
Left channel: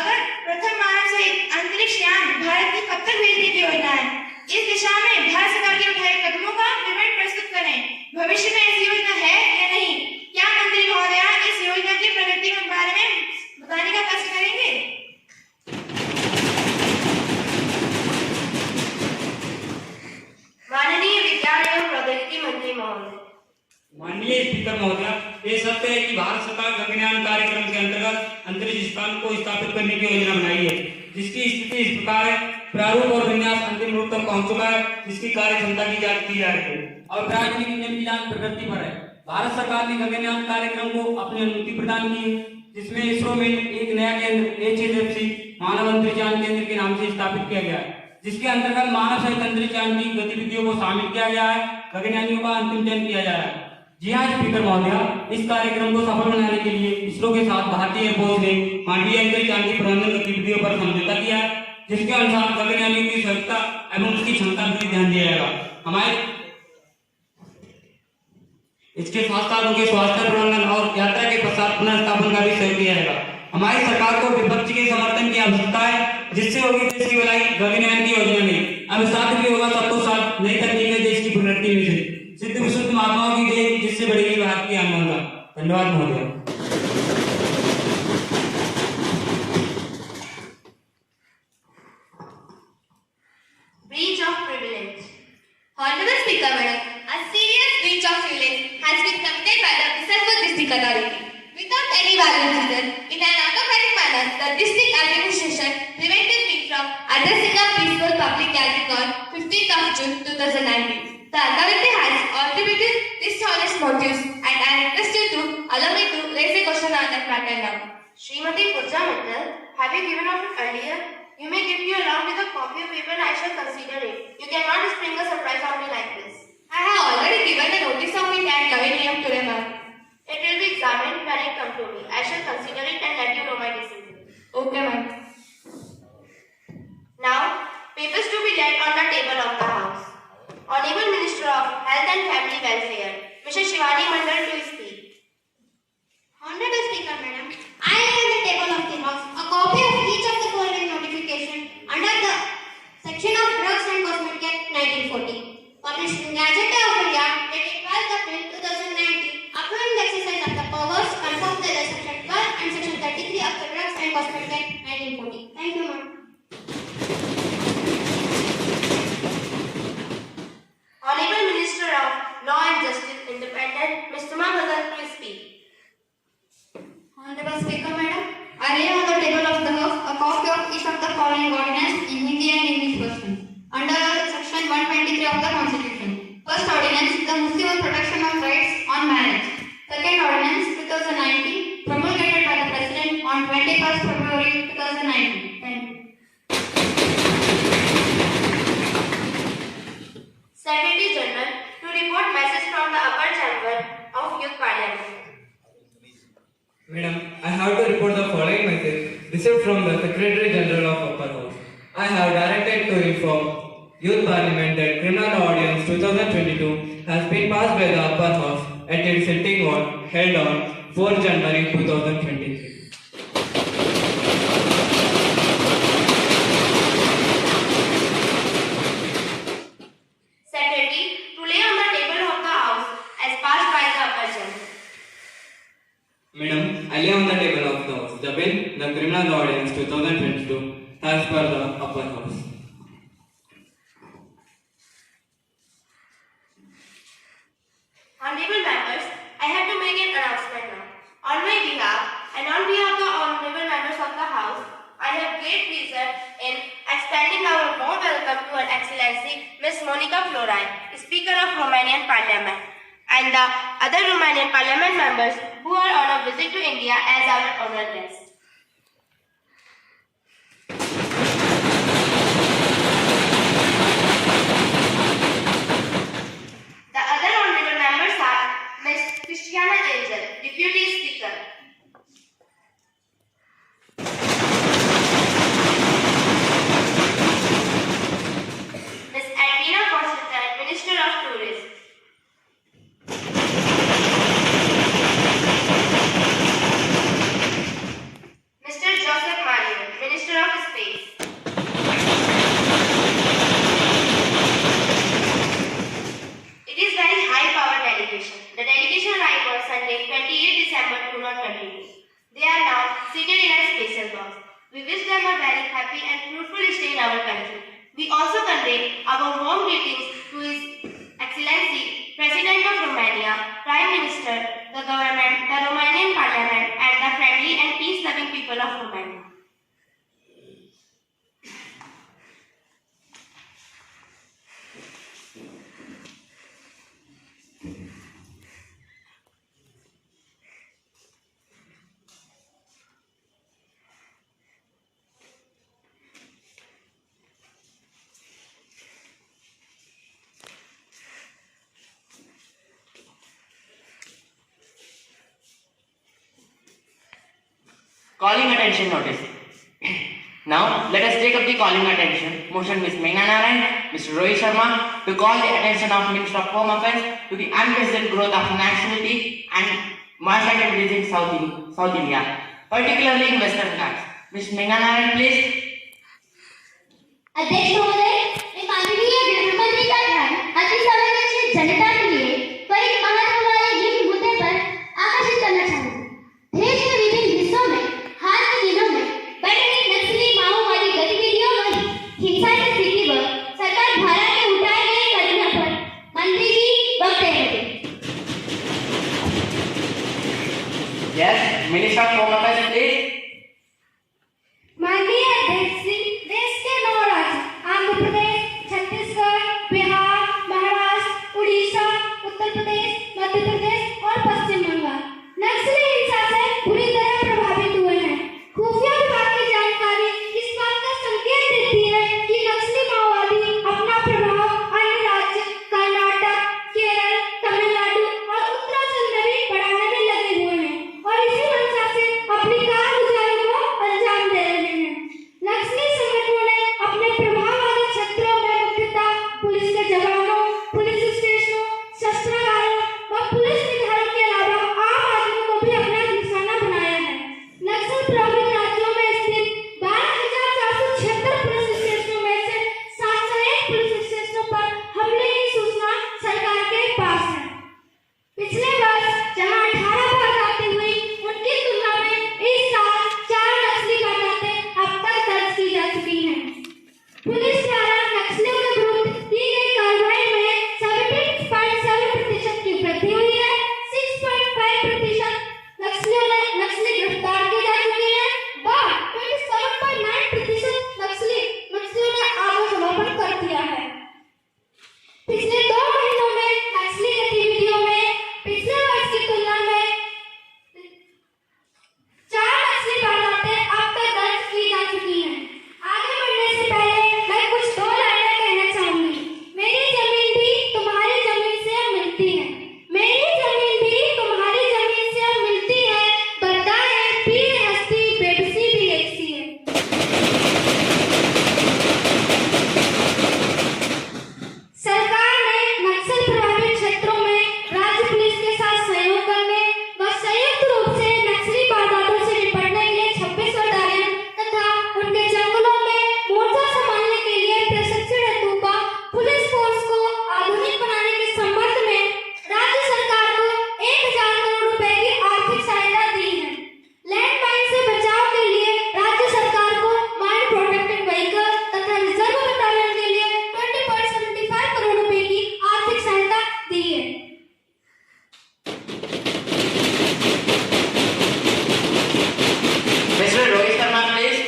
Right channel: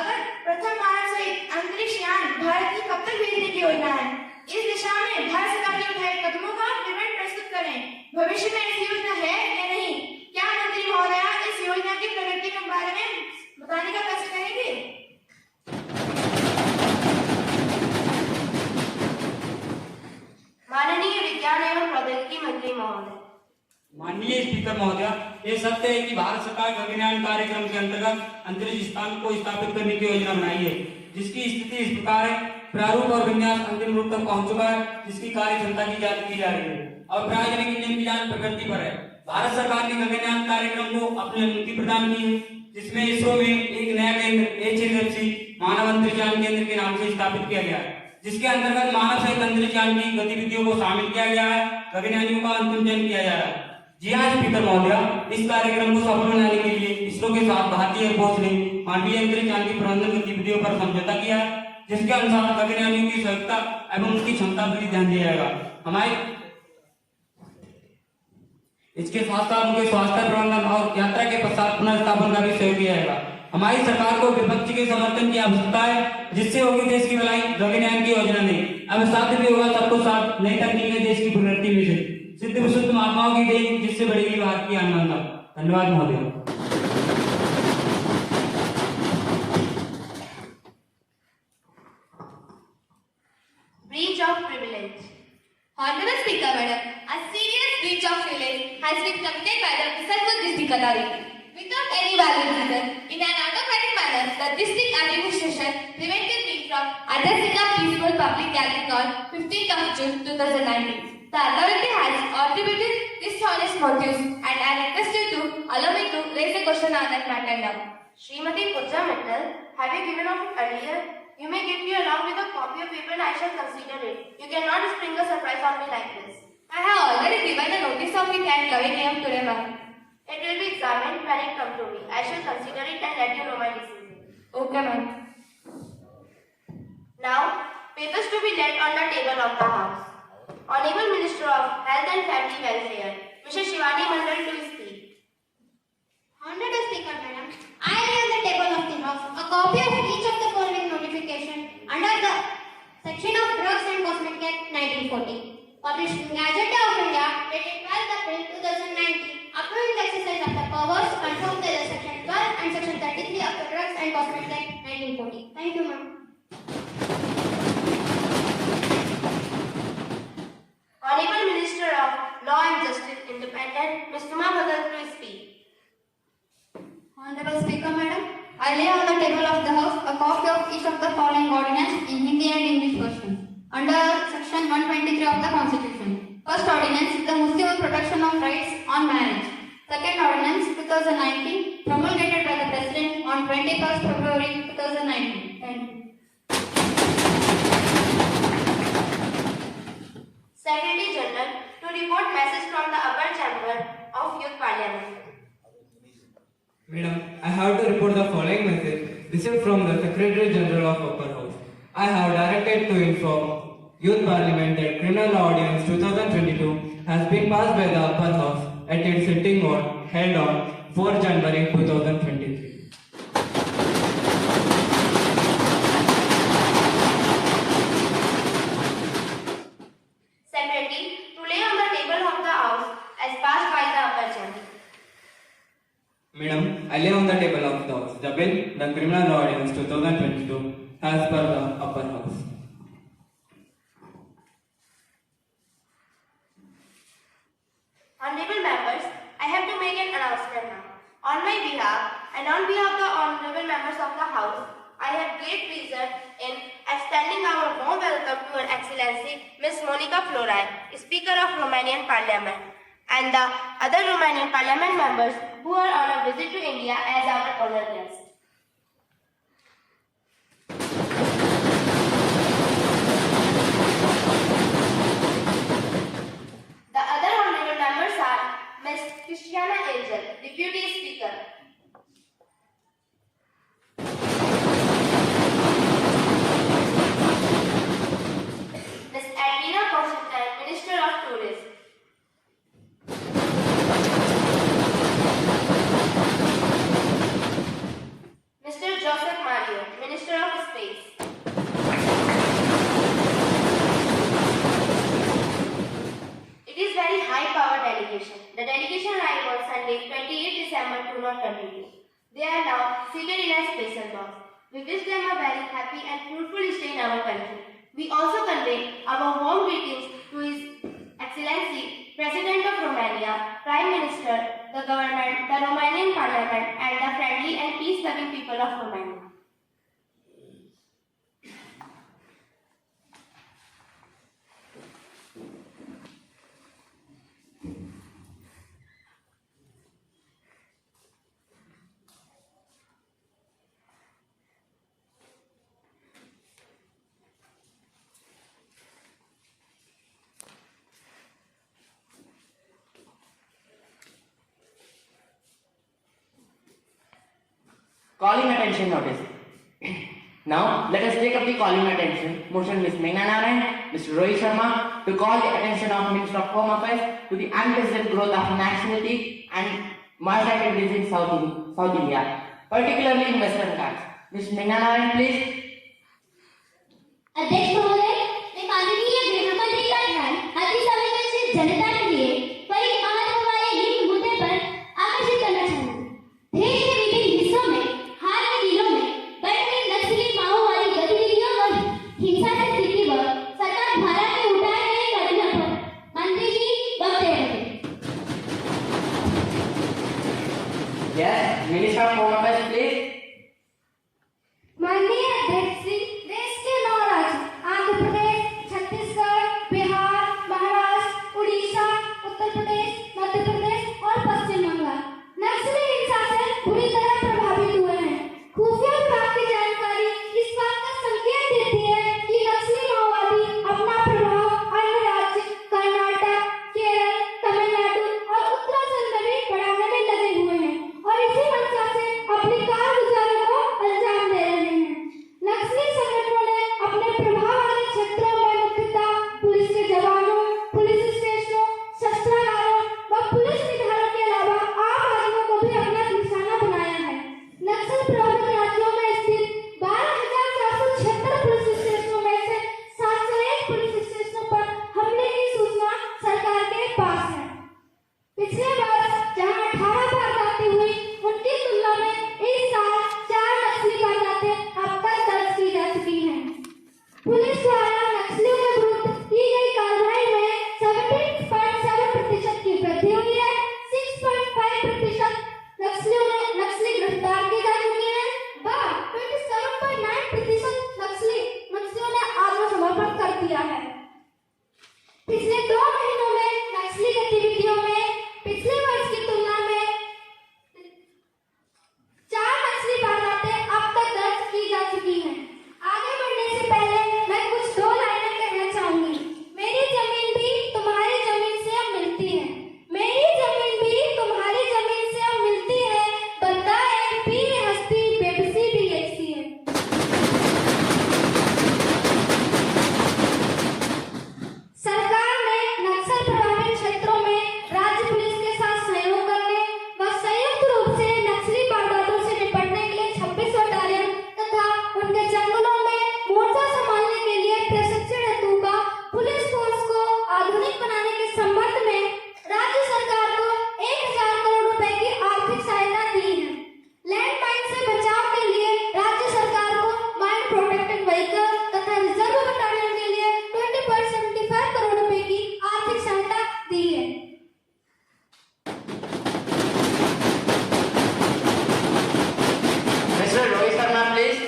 अगर प्रथम मानव सहित अंतरिक्ष यान भारत की कब तक भेजने की योजना है? इस दिशा में भारत सरकार के उठाए कदमों का विवरण प्रस्तुत करें। भविष्य में ऐसी योजना है या नहीं? क्या मंत्री महोदय इस योजना की प्रगति के बारे में बताने का कष्ट करेंगे? माननीय विज्ञान एवं प्रौद्योगिकी मंत्री महोदय। माननीय स्पीकर महोदय, ये सत्य है कि भारत सरकार गगनयान कार्यक्रम के अंतर्गत अंतरिक्ष स्थान को स्थापित करने की योजना बनाई है, जिसकी स्थिति इस प्रकार है। प्रारूप और विन्यास अंतिम रूप तक पहुंच चुका है, जिसकी कार्य क्षमता की जांच की जा रही है और प्रायोजनिक इंजन की जांच प्रगति पर है। भारत सरकार ने गगनयान कार्यक्रम को अपनी अनुमति प्रदान की है, जिसमें इसरो में एक नया केंद्र HSFC मानव अंतरिक्षयान केंद्र के नाम से स्थापित किया गया है, जिसके अंतर्गत मानव सहित अंतरिक्षयान की गतिविधियों को शामिल किया गया है। गगनयानियों का अंतिम चयन किया जा रहा है। जी हाँ स्पीकर महोदय, इस कार्यक्रम को सफल बनाने के लिए इसरो के साथ भारतीय एयरफोर्स ने मानवीय अंतरिक्षयान की प्रबंधन गतिविधियों पर समझौता किया है, जिसके अनुसार गगनयानियों की सहायता एवं उसकी क्षमता पर ध्यान दिया जाएगा। हमारे इसके साथ साथ उनके स्वास्थ्य प्रबंधन और यात्रा के पश्चात पुनर्स्थापन का भी सहयोग किया जाएगा। हमारी सरकार को विपक्ष के समर्थन की आवश्यकता है, जिससे होगी देश की भलाई, गगनयान की योजना नहीं। अब साथ भी होगा सबको साथ, नई तकनीक देश की प्रगति में से सिद्ध विशुद्ध महात्माओं की देन, जिससे बढ़ेगी भारत की आत्मगंगा। धन्यवाद महोदय। Breach of privilege. Honorable Speaker Madam, a serious breach of privilege has been committed by the Bisarpur District Authority. Without any valid reason, in an automatic manner, the district administration prevented me from addressing a peaceful public gathering on 15th of June 2019. The authority has attributed dishonest motives and I am requested to allow me to raise a question on that matter now. Srimati Pooja Mittal, have you given off it earlier? You may give me along with a copy of paper and I shall consider it. You cannot spring a surprise on me like this. I have already given a notice of it at 11 AM today, ma'am. It will be examined when it comes to me. I shall consider it and let you know my decision. Okay, ma'am. Now, Papers to be laid on the table of the House. Honorable Minister of Health and Family Welfare, Mr. Shivani Mandal to speak. Honorable Speaker, Madam, I lay on the table of the House a copy of each of the following notification under the section of Drugs and Cosmetic Act 1940, published in Gazette of India, dated 12th April 2019, approving the exercise of the powers conferred by the Section 12 and Section 33 of the Drugs and Cosmetic Act 1940. Thank you, ma'am. Honorable Minister of Law and Justice, Independent, Mr. Mahadhan to speak. Honorable Speaker, Madam, I lay on the table of the House a copy of each of the following ordinance in Hindi and English version under Section 123 of the Constitution. First ordinance, the Municipal Protection of Rights on Marriage. Second ordinance, 2019, promulgated by the President on 21st February 2019. Thank you. Secretary General to report message from the upper chamber of Youth Parliament. Madam, I have to report the following message received from the Secretary General of Upper House. I have directed to inform Youth Parliament that Criminal Ordinance 2022 has been passed by the Upper House at its sitting held on 4 January 2023. Secretary to lay on the table of the House as passed by the upper chamber. Madam, I lay on the table of the House the bill, the Criminal Ordinance 2022, as per the Upper House. Honorable members, I have to make an announcement now. On my behalf and on behalf of the honorable members of the House, I have great pleasure in extending our warm welcome to Her Excellency Ms. Monica Florai, Speaker of Romanian Parliament, and the other Romanian Parliament members who are on a visit to India as our honored guests. The other honorable members are Ms. Christiana Angel, Deputy Speaker. Ms. Edwina Constantine, Minister of Tourism. Mr. Joseph Mario, Minister of Space. It is very high-power delegation. The delegation arrived on Sunday, 28 December 2022. They are now seated in a special box. We wish them a very happy and fruitful stay in our country. We also convey our warm greetings to His Excellency, President of Romania, Prime Minister, the government, the Romanian Parliament, and the friendly and peace-loving people of Romania. Calling attention notice. Now, let us take up the calling attention motion Ms. Meghna Narayan, Mr. Rohit Sharma to call the attention of Minister of Home Affairs to the unprecedented growth of nationality and migrated within South India, particularly in Western Ghats. Ms. Meghna Narayan, please. अध्यक्ष महोदय, मैं माननीय गृहमंत्री का ध्यान अति संवेदनशील जनता के लिए पर एक महत्व वाले हिंद मुद्दे पर आकर्षित करना चाहूंगी। देश के विभिन्न हिस्सों में हाल के दिनों में बढ़ रही नक्सली माओवादी गतिविधियों और हिंसा की स्थिति पर सरकार द्वारा के उठाए गए कदमों पर मंत्री जी वक्तव्य दें। Yes, Minister of Home Affairs, please. माननीय अध्यक्ष जी, देश के 9 राज्य आंध्र प्रदेश, छत्तीसगढ़, बिहार, महाराष्ट्र, उड़ीसा, उत्तर प्रदेश, मध्य प्रदेश और पश्चिम बंगाल नक्सली हिंसा से बुरी तरह प्रभावित हुए हैं। खुफिया विभाग की जानकारी इस बात का संकेत देती है कि नक्सली माओवादी अपना प्रभाव अन्य राज्य कर्नाटक, केरल, तमिलनाडु और उत्तराखंड में भी बढ़ाने में लगे हुए हैं और इसी मंशा से पिछले 2 महीनों में नक्सली गतिविधियों में पिछले वर्ष की तुलना में 4 नक्सली वारदातें अब तक दर्ज की जा चुकी हैं। आगे बढ़ने से पहले मैं कुछ 2 लाइनें कहना चाहूंगी। मेरी जमीन भी तुम्हारी जमीन से अब मिलती है, मेरी जमीन भी तुम्हारी जमीन से अब मिलती है, बंदा है पीर हस्ती बेबसी भी एक सी है। सरकार ने नक्सल प्रभावित क्षेत्रों में राज्य पुलिस के साथ सहयोग करने व संयुक्त रूप से नक्सली वारदातों से निपटने के लिए 26 बटालियन तथा उनके जंगलों में मोर्चा संभालने के लिए प्रशिक्षण हेतु का पुलिस फोर्स को आधुनिक बनाने के संबंध में राज्य सरकार को 1000 करोड़ रुपए की आर्थिक सहायता दी है। लैंड माइन से बचाव के लिए राज्य सरकार को माइन प्रोटेक्टेड व्हीकल तथा रिजर्व बटालियन के लिए 20.75 करोड़ रुपए की आर्थिक सहायता दी है। Mr. Rohit Sharma, please.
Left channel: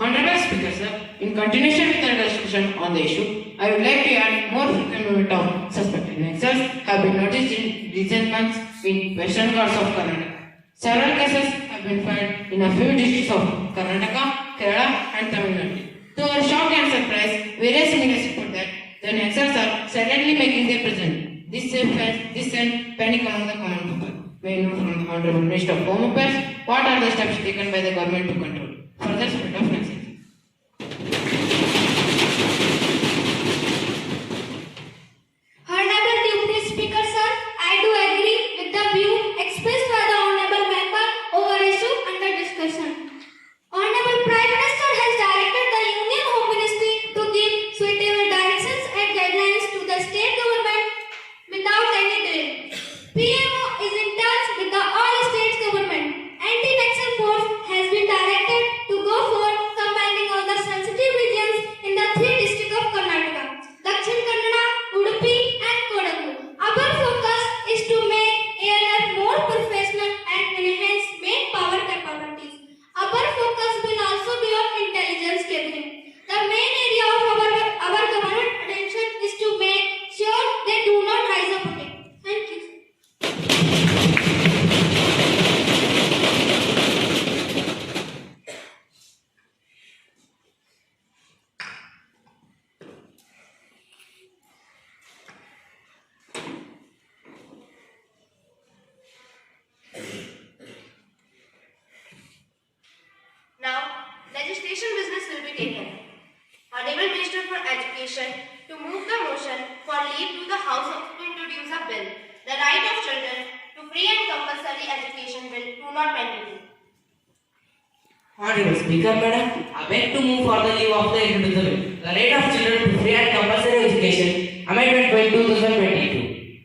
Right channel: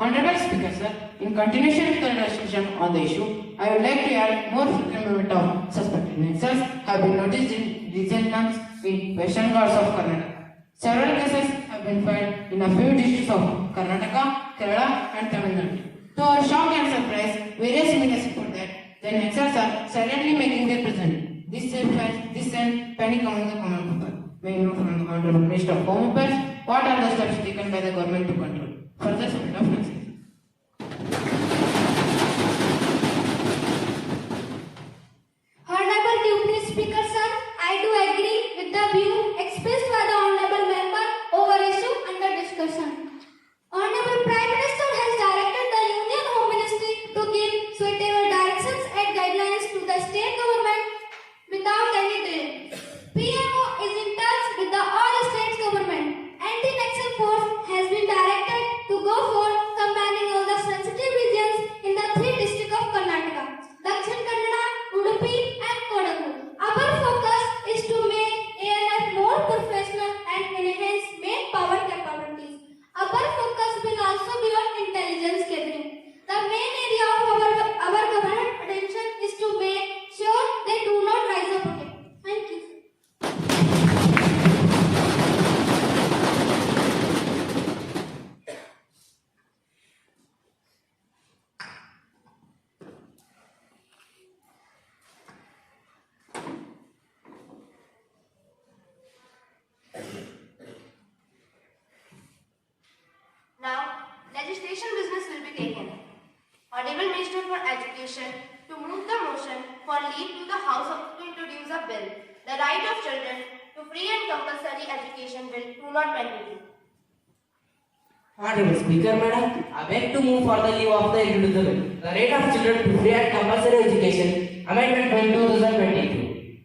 Honorable Speaker, sir, in continuation with the discussion on the issue, I would like to add more frequent movement of suspected nexus have been noticed in recent months in Western Ghats of Karnataka. Several cases have been filed in a few districts of Karnataka, Kerala, and Tamil Nadu. To our shock and surprise, various indications report that the nexus are silently making their presence. This sent panic among the common people. May know from the Honorable Minister of Home Affairs what are the steps taken by the government to control further spread of nexus. Honorable Deputy Speaker, sir, I do agree with the view expressed by the Honorable Member over issue under discussion. Honorable Prime Minister has directed the Union Home Ministry to give suitable directions and guidelines to the state government without any delay. PMO is in touch with the all state government. Anti-Nexal force has been directed to go for combining all the sensitive regions in the 3 districts of Karnataka, Dakshin Kannada, Udupi and Kodagu. Our focus is to make ALF more professional and enhance main power capabilities. Our focus will also be on intelligence gathering. The main area of our government attention is to make sure they do not rise up again. Thank you. Now, legislation business will be taken. Honorable Minister for Education to move the motion for leave to the House to introduce a bill, the right of children to free and compulsory education bill 2022. Honorable Speaker, Madam, I beg to move for the leave of the introducer, the right of children to free and compulsory education, Amendment Bill 2022.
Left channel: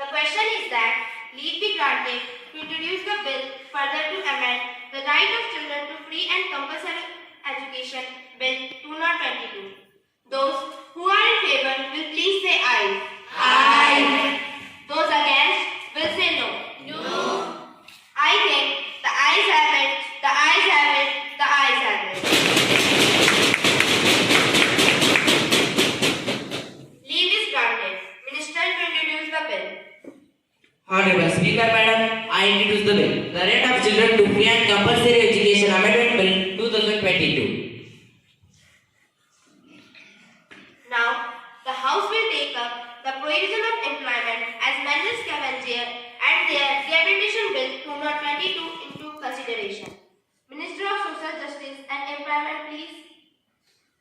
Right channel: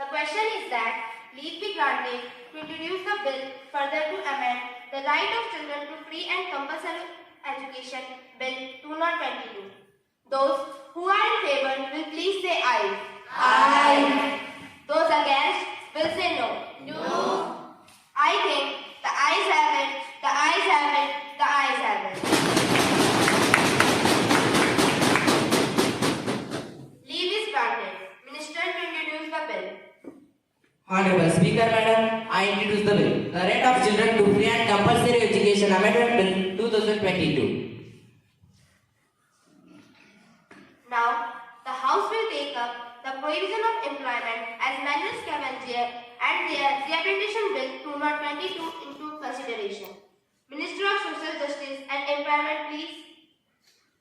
The question is that leave be granted to introduce the bill further to amend the right of children to free and compulsory education bill 2022. Those who are in favor will please say aye. Aye. Those against will say no. No. I think the ayes have it, the ayes have it, the ayes have it. Leave is granted. Minister to introduce the bill. Honorable Speaker, Madam, I introduce the bill, the right of children to free and compulsory education, Amendment Bill 2022. Now, the House will take up the provision of employment as Manual Scavenger and their Rehabilitation Bill 2022 into consideration. Minister of Social Justice and Employment, please.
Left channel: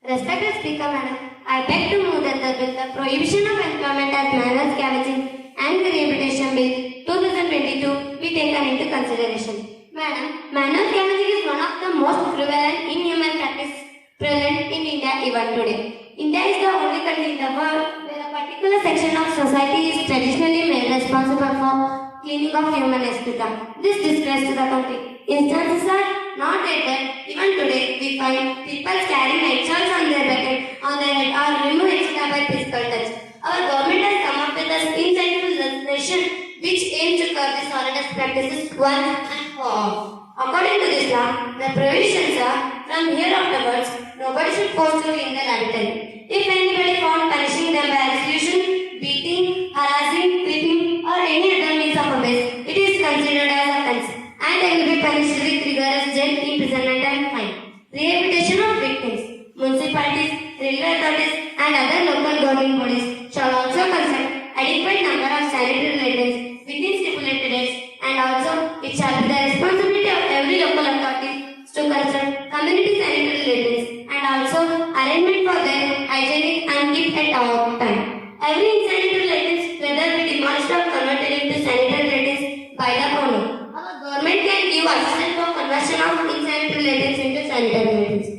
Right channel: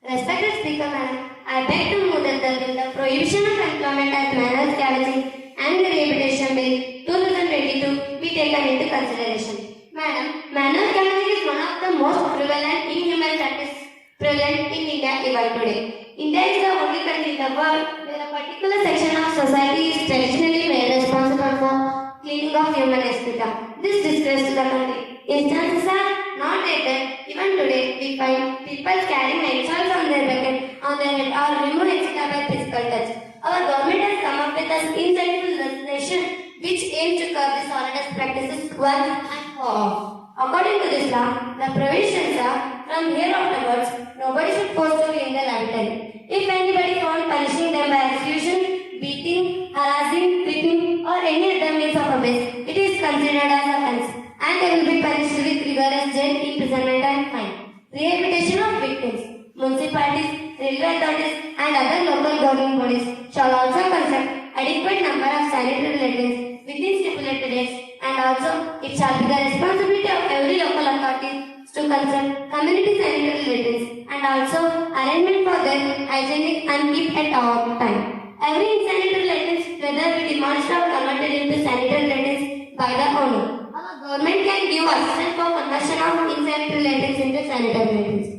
Respected Speaker, Madam, I beg to move that the bill, the prohibition of employment as manual scavenging and the rehabilitation bill 2022 be taken into consideration. Madam, manual scavenging is one of the most prevalent inhuman practices prevalent in India even today. India is the only country in the world where a particular section of society is traditionally made responsible for cleaning of human excreta. This disgrace to the country. Instances are not dated. Even today, we find people carrying eggshells on their bucket, on their head, or remove excreta by physical touch. Our government has come up with an insightful legislation which aims to curb these horrendous practices once and for all. According to this law, the provisions are from here afterwards, no Nobody should force to leave the laboratory. If anybody found punishing them by execution, beating, harassing, whipping, or any other means of abuse, it is considered as offence, and they will be punished with rigorous jail, imprisonment, and fine. Rehabilitation of victims. Municipalities, railway authorities, and other local government bodies shall also construct adequate number of sanitary latrines within stipulated dates, and also it shall be the responsibility of every local authority to construct community sanitary latrines and also arrangement for their hygienic and keep at all time. Every insanitary latrines, whether be demolished or converted into sanitary latrines by the owner. Our government can give assistance for conversion of insanitary latrines into sanitary latrines.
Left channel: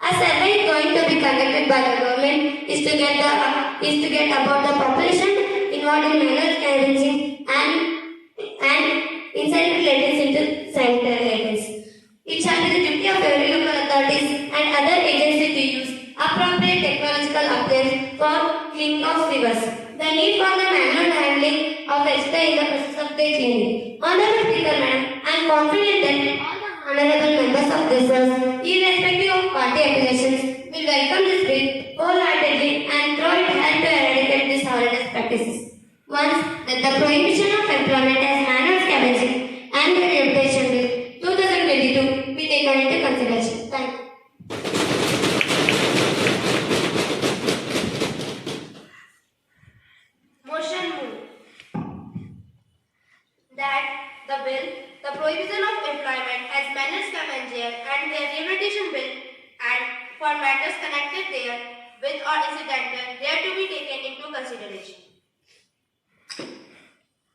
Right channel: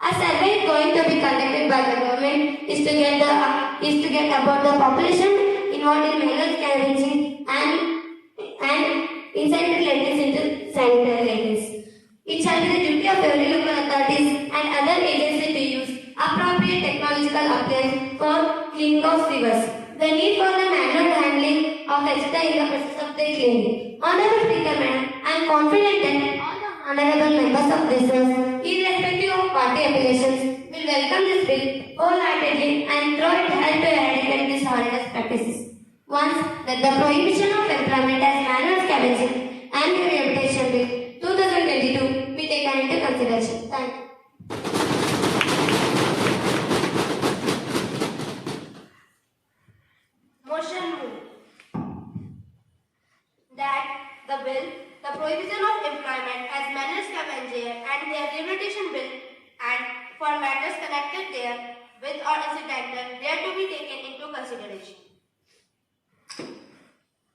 A survey is going to be conducted by the government is to get about the population involved in manual scavenging and insanitary latrines into sanitary latrines. It shall be the duty of every local authorities and other agencies to use appropriate technological updates for cleaning of rivers. The need for the manual handling of waste in the process of their cleaning. Honorable Speaker, Madam, I am confident that all the honorable members of this House, irrespective of party affiliations, will welcome this bill wholeheartedly and throw it help to eradicate these horrendous practices. Once that the prohibition of employment as manual scavenging and the rehabilitation bill 2022 be taken into consideration. Thank you. Motion moved that the bill, the prohibition of employment as manual scavenger and their rehabilitation bill and for matters connected there with or incidental there to be taken into consideration.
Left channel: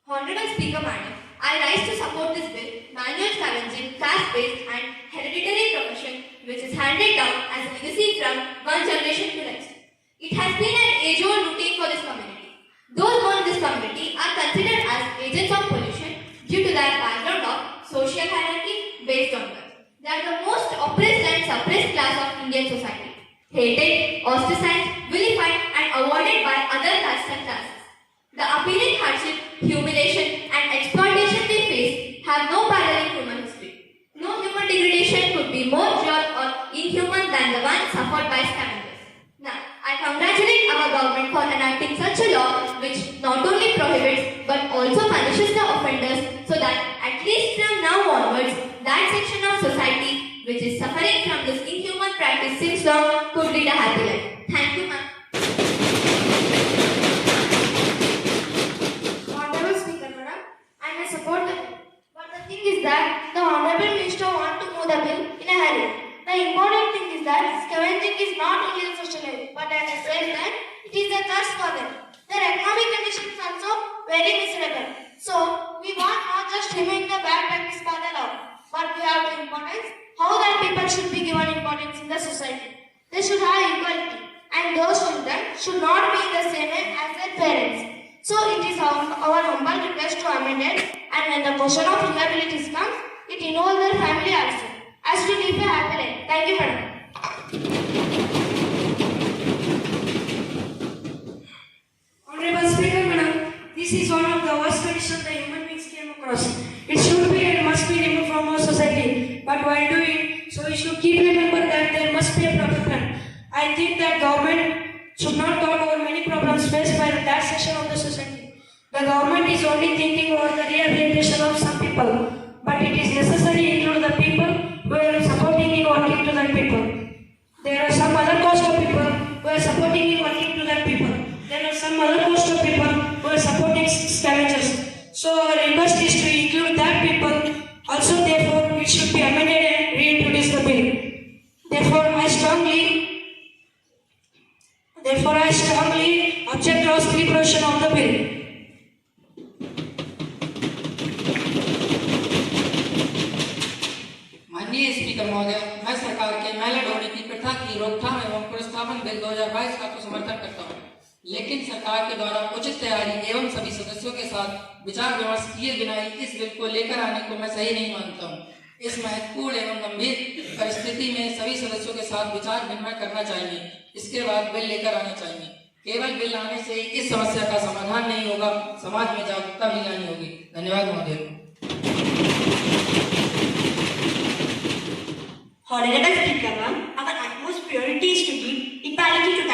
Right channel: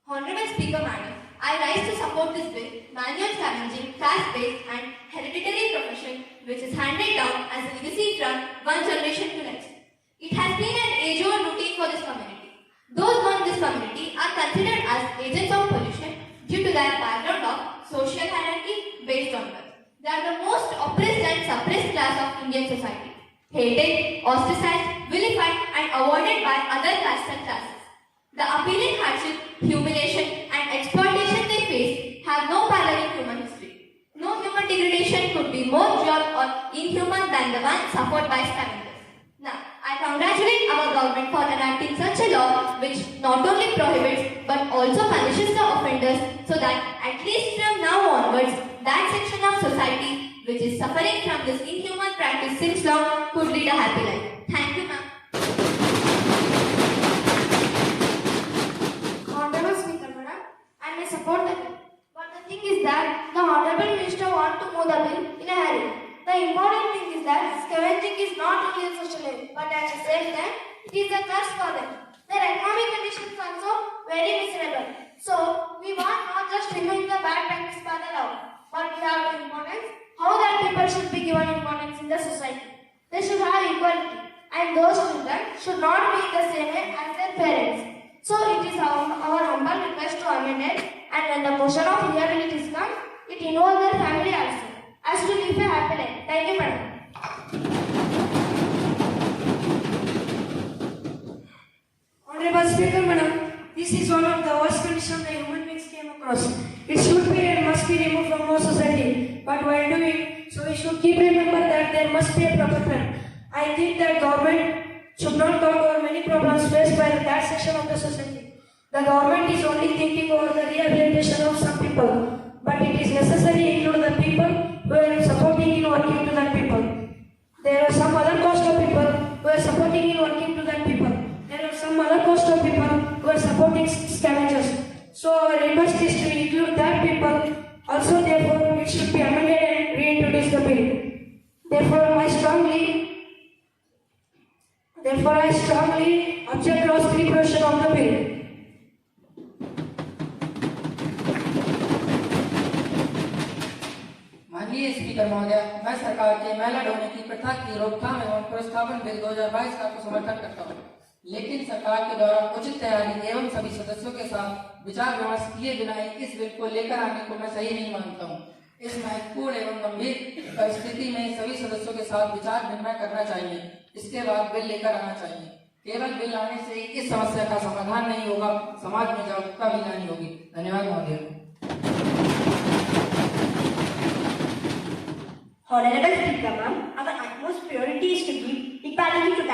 Honorable Speaker, Madam, I rise to support this bill, manual scavenging, caste-based and hereditary profession which is handed down as a legacy from one generation to next. It has been an age-old routine for this community. Those born in this community are considered as agents of pollution due to that background of social hierarchy based on birth. They are the most oppressed and suppressed class of Indian society, hated, ostracized, vilified and avoided by other castes and classes. The appealing hardship, humiliation and exploitation they face have no parallel in human history. No human degradation could be more cruel or inhuman than the one suffered by scavengers. Now, I congratulate our government for enacting such a law which not only prohibits but also punishes the offenders so that at least from now onwards, that section of society which is suffering from this inhuman practice since long could lead a happy life. Thank you, ma'am. Honorable Speaker, Madam, I may support the bill. But the thing is that the Honorable Minister wants to move the bill in a hurry. The important thing is that scavenging is not only a social evil, but at the same time, it is a curse for them. Their economic condition is also very miserable. So, we want not just removing the bad practice by the law, but we have the importance how that people should be given importance in the society. They should have equality, and those children should not be in the same way as their parents. So it is our humble request to amend it, and when the question of liabilities comes, it involves their family also, as we live a happy life. Thank you, madam. Honorable Speaker, Madam, this is one of the worst conditions the human beings came across. It should be and must be removed from our society. But while doing so, we should keep remember that there must be a proper plan. I think that government should not talk over many problems faced by that section of the society. The government is only thinking over the rehabilitation of some people, but it is necessary to include the people who are supporting in working to that people. There are some other cost of people who are supporting in working to that people. There are some other cost of people who are supporting scavengers. So our request is to include that people. Also, therefore, it should be amended and reintroduce the bill. Therefore, I strongly object to clause 3 provision of the bill. माननीय speaker महोदय, मैं सरकार के मैला ढोने की प्रथा की रोकथाम एवं प्रोत्साहन बिल 2022 का तो समर्थन करता हूँ, लेकिन सरकार के द्वारा उचित तैयारी एवं सभी सदस्यों के साथ विचार विमर्श किए बिना इस बिल को लेकर आने को मैं सही नहीं मानता हूँ। इस महत्वपूर्ण एवं गंभीर परिस्थिति में सभी सदस्यों के साथ विचार विनिमय करना चाहिए, इसके बाद बिल लेकर आना चाहिए। केवल बिल लाने से इस समस्या का समाधान नहीं होगा, समाज में जागरूकता भी लानी होगी। धन्यवाद महोदय। Honorable Speaker, ma'am, our utmost priority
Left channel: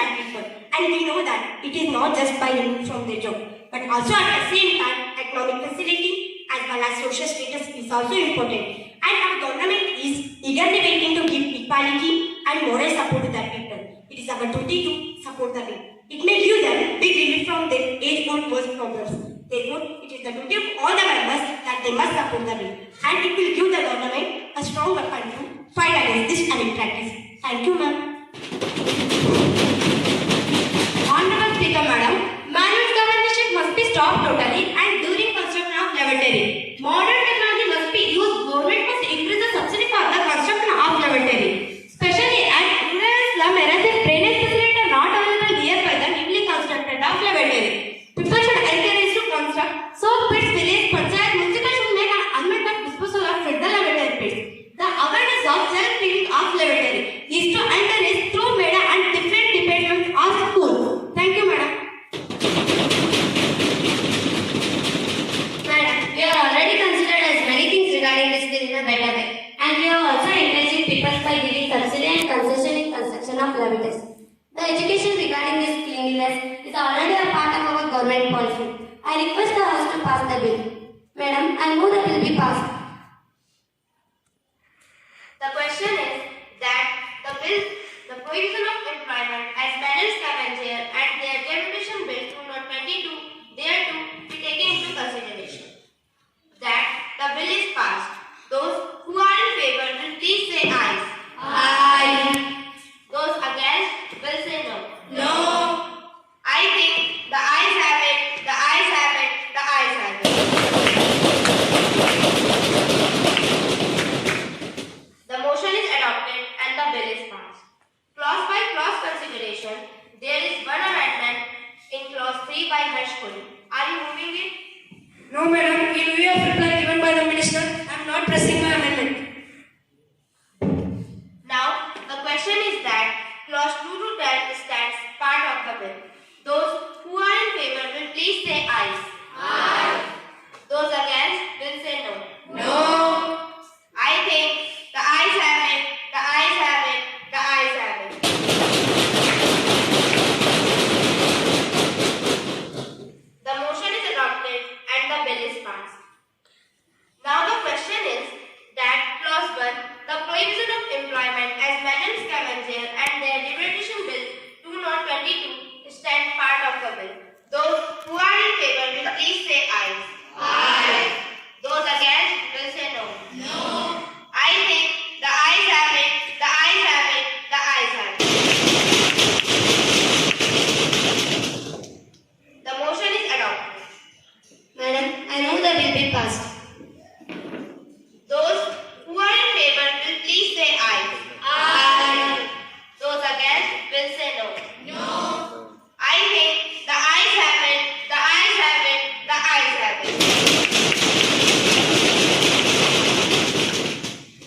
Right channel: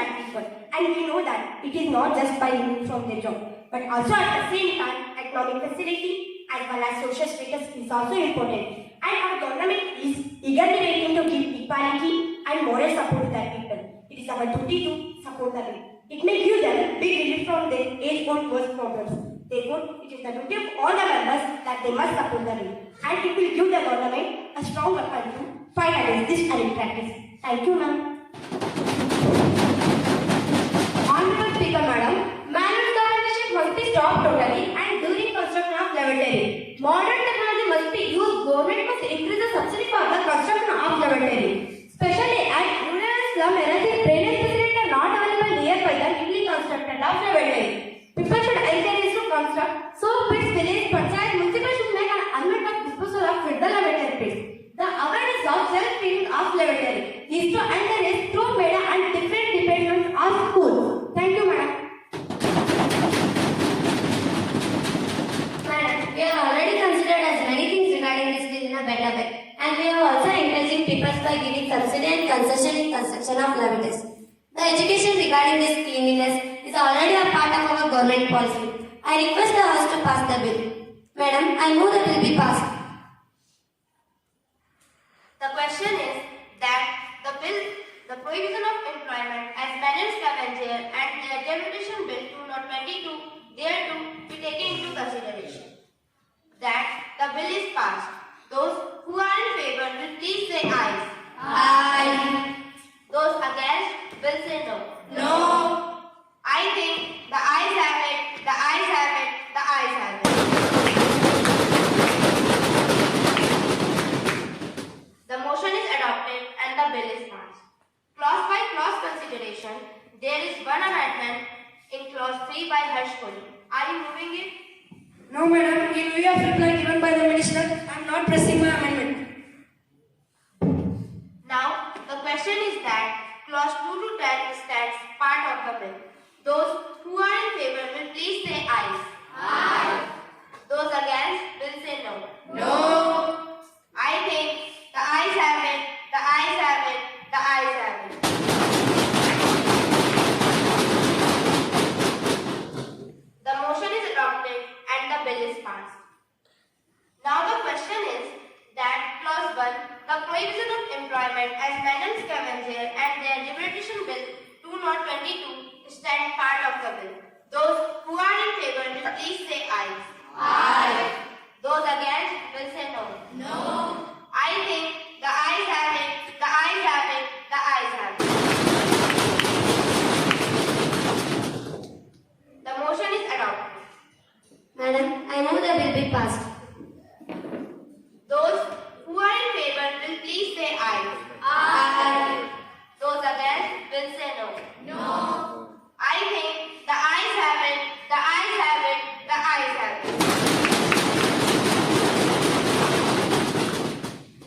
that people. And we know that it is not just by removing from their job, but also at the same time, economic facility as well as social status is also important. And our government is eagerly waiting to give equality and moral support to their people. It is our duty to support the bill. It may give them big relief from their age-old worst problems. Therefore, it is the duty of all the members that they must support the bill. And it will give the government a strong weapon to fight against this unfair practice. Thank you, ma'am. Honorable Speaker, Madam, manual governance must be stopped totally and during construction of lavatory. Modern technology must be used. Government must increase the subsidy for the construction of lavatory. Especially at rural and slum areas, if drainage facilities are not available nearby the newly constructed of lavatory. People should encourage to construct soap pits, village panchayat, municipal should make an unmet of disposal of the lavatory pits. The awareness of self-cleaning of lavatory is to encourage through media and different departments of school. Thank you, madam. Madam, we have already considered as many things regarding this bill in a better way, and we are also encouraging people by giving subsidy and concession in construction of lavatories. The education regarding this cleanliness is already a part of our government policy. I request the House to pass the bill. Madam, I move the bill be passed. The question is that the provision of employment as balance scavenger and their Deputation Bill 2022 thereto be taken into consideration. That the bill is passed. Those who are in favor will please say aye. Aye. Those against will say no. No. I think the ayes have it, the ayes have it, the ayes have it. The motion is adopted and the bill is passed. Clause by clause consideration, there is one amendment in clause 3 by Harsh Kohli. Are you moving it? No, madam. In view of reply given by the minister, I am not pressing my amendment. Now, the question is that clause 2 to 10 stands part of the bill. Those who are in favor will please say aye. Aye. Those against will say no. No. I think the ayes have it, the ayes have it, the ayes have it. The motion is adopted and the bill is passed. Now the question is that clause 1, the prohibition of employment as madam scavenger and their Deputation Bill 2022 stand part of the bill. Those who are in favor will please say aye. Aye. Those against will say no. No. I think the ayes have it, the ayes have it, the ayes have it. The motion is adopted. Madam, I move the bill be passed. Those who are in favor will please say aye. Aye. Those against will say no. No. I think the ayes have it, the ayes have it, the ayes have it.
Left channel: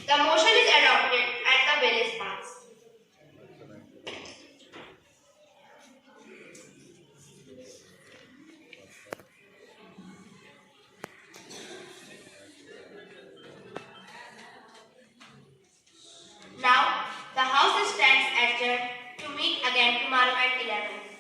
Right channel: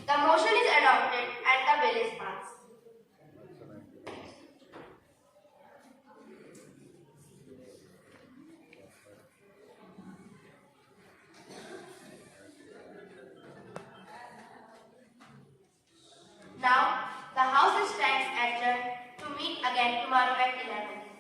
The motion is adopted and the bill is passed. Now, the House stands adjourned to meet again tomorrow at 11.